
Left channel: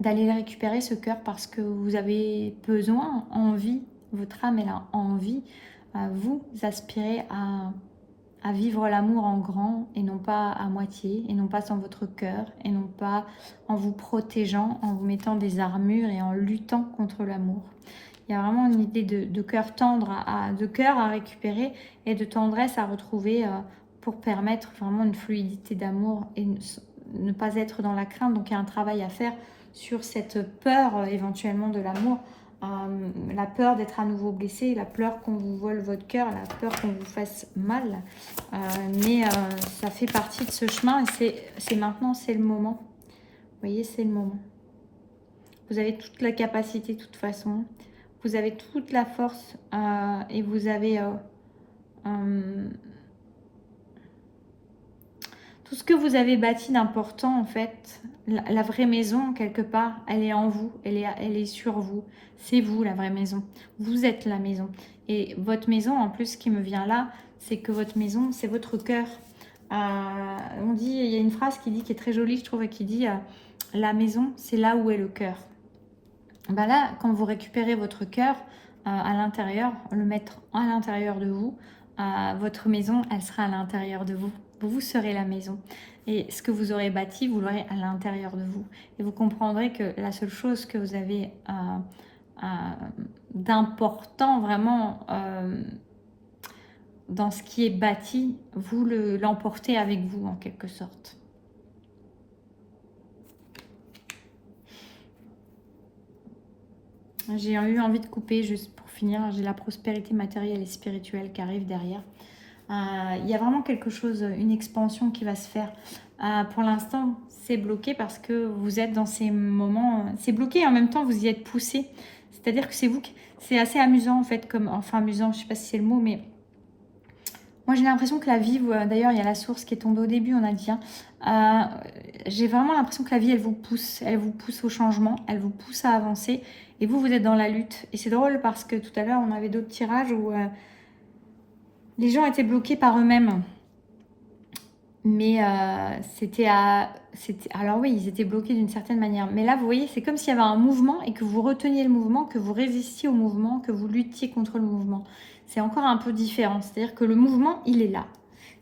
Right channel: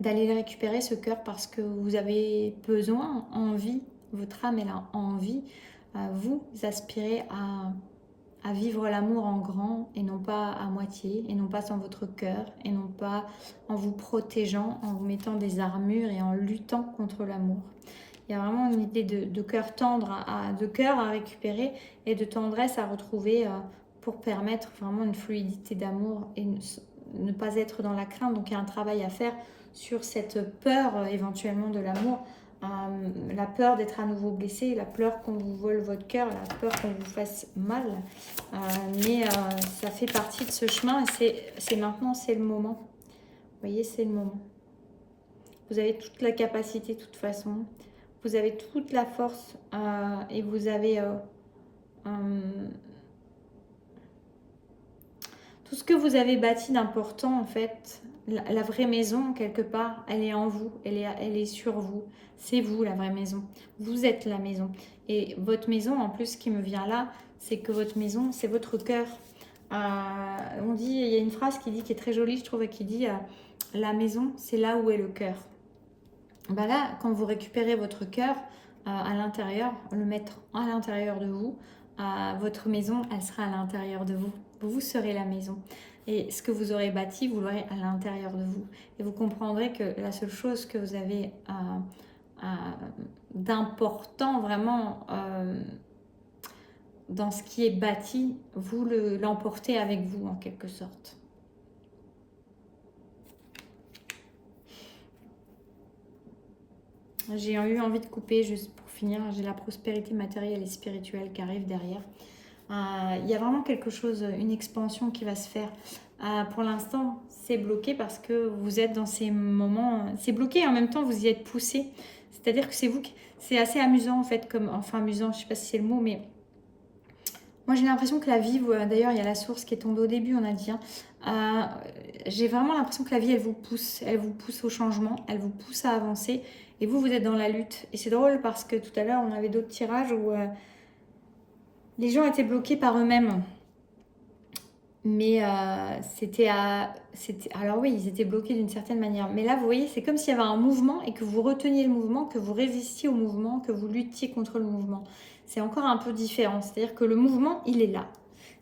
d'aller le récupérer, ce cœur, parce que vous avez besoin, envie, votre âme, elle a envie, vous aspirez à vivre l'amour en grand et non pas à moitié, et non pas sans votre cœur, et non pas en vous protégeant, en vous mettant des armures et en luttant contre l'amour. Il y a vraiment une idée de cœur tendre, de cœur à récupérer et de tendresse à retrouver pour permettre vraiment une fluidité d'amour et ne pas être dans la crainte. Donc il y a un travail à faire sur cette peur éventuellement de l'amour, la peur d'être à nouveau blessé, la peur qu'on vous vole votre cœur, la peur qu'on vous fasse mal. Mais ça fait partie de ce chemin et c'est maintenant, c'est le moment. Vous voyez, c'est le moment. Vous avez toute la capacité de toute façon. Vous avez toute la force et vous avez tout ce que vous avez bâti d'important en fait. La vraie maison, quelque part, elle est en vous, elle est sur vous. C'est vous la vraie maison. Vous êtes la maison. Et votre maison, en plus, ce qui me vient là, c'est que votre maison, c'est votre cœur. On dit, il y a une phrase qui est très jolie, je trouve, qui dit la maison, c'est là où est le cœur. Ben là, quand vous récupérez votre cœur à l'intérieur, le mettre à l'intérieur de vous, votre maison, elle sera à l'intérieur de vous. Vous serez la maison. Et ce que vous aurez bâti, vous l'aurez à l'intérieur de vous. Et vous comprendrez que la seule chose que vous avez d'important vraiment dans ce qui est bâti, vous l'emportez avec vous en quelque sorte. J'ai eu envie de couper, juste pour finir, j'ai la prospérité matérielle et spirituelle qui arrive derrière. Il y a vraiment quelque chose, une expansion qui va se faire. Pour l'instant, c'est bloqué parce que vous êtes dans ces moments... C'est bloqué et en même temps, vous y êtes poussé. C'est-à-dire que c'est vous qui... C'est assez amusant en fait, comme... Enfin amusant, je ne sais pas si c'est le mot, mais... Moi, j'ai l'impression que la vie... D'ailleurs, il y a la source qui est tombée au début, on a dit. J'ai vraiment l'impression que la vie, elle vous pousse au changement, elle vous pousse à avancer. Et vous, vous êtes dans la lutte. Et c'est drôle parce que tout à l'heure, on avait d'autres tirages où les gens étaient bloqués par eux-mêmes. Mais alors oui, ils étaient bloqués d'une certaine manière. Mais là, vous voyez, c'est comme s'il y avait un mouvement et que vous reteniez le mouvement, que vous résistiez au mouvement, que vous luttiez contre le mouvement. C'est encore un peu différent. C'est-à-dire que le mouvement, il est là.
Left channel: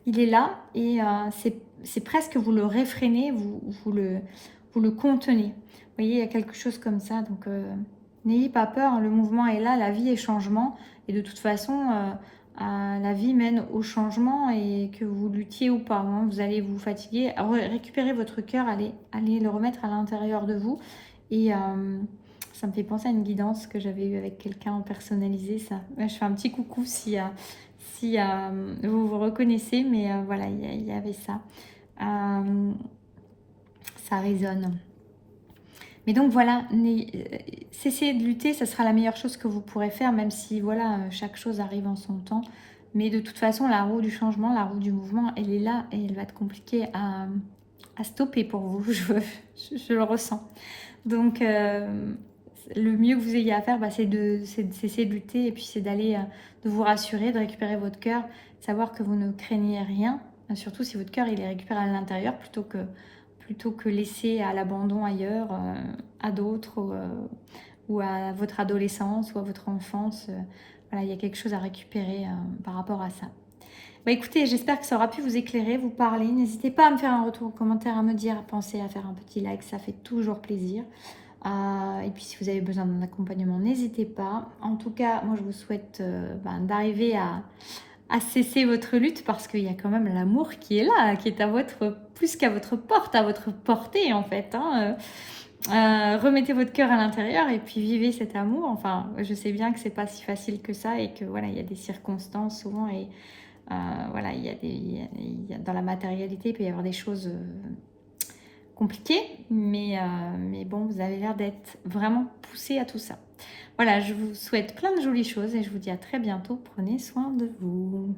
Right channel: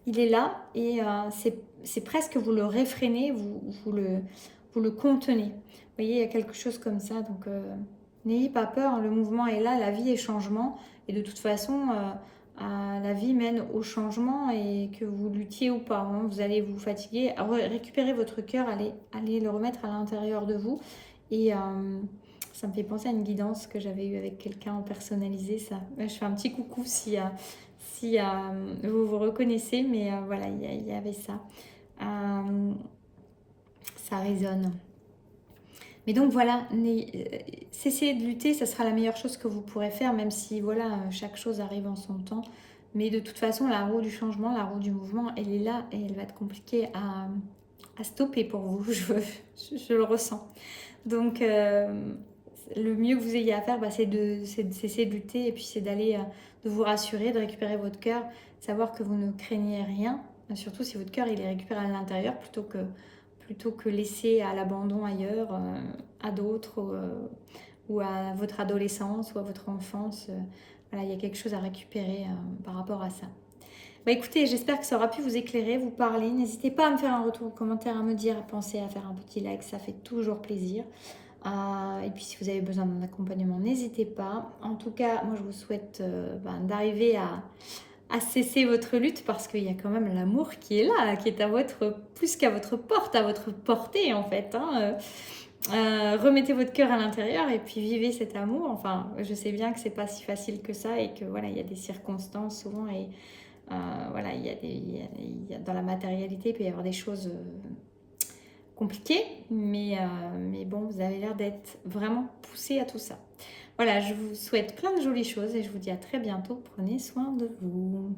Il est là et c'est presque vous le réfrénez, vous le contenez. Vous voyez, il y a quelque chose comme ça. Donc, n'ayez pas peur, le mouvement est là, la vie est changement. Et de toute façon, la vie mène au changement et que vous luttiez ou pas. Hein, vous allez vous fatiguer, récupérer votre cœur, allez le remettre à l'intérieur de vous. Et ça me fait penser à une guidance que j'avais eue avec quelqu'un personnalisé. Ça. Je fais un petit coucou si vous vous reconnaissez, mais voilà, il y avait ça. Ça résonne. Mais donc voilà, cessez de lutter, ça sera la meilleure chose que vous pourrez faire, même si voilà, chaque chose arrive en son temps. Mais de toute façon, la roue du changement, la roue du mouvement, elle est là et elle va être compliquée à stopper pour vous, je le ressens. Donc le mieux que vous ayez à faire, c'est de cesser de lutter et puis c'est d'aller, de vous rassurer, de récupérer votre cœur, savoir que vous ne craignez rien, surtout si votre cœur il est récupéré à l'intérieur plutôt que laisser à l'abandon ailleurs, à d'autres ou à votre adolescence ou à votre enfance. Voilà, il y a quelque chose à récupérer par rapport à ça. Bah écoutez, j'espère que ça aura pu vous éclairer, vous parler. N'hésitez pas à me faire un retour en commentaire, à me dire, à penser, à faire un petit like, ça fait toujours plaisir. Et puis si vous avez besoin d'un accompagnement, n'hésitez pas. En tout cas, moi je vous souhaite d'arriver à cesser votre lutte parce qu'il y a quand même l'amour qui est là, qui est plus qu'à votre porte, à votre portée en fait. Hein. Remettez votre cœur à l'intérieur et puis vivez cet amour. Enfin, je sais bien que c'est pas si facile que ça et que voilà, il y a des circonstances souvent et voilà, dans la matérialité, il peut y avoir des choses compliquées, mais bon, vous avez l'air d'être vraiment poussé à tout ça. Voilà, je vous souhaite plein de jolies choses et je vous dis à très bientôt. Prenez soin de vous.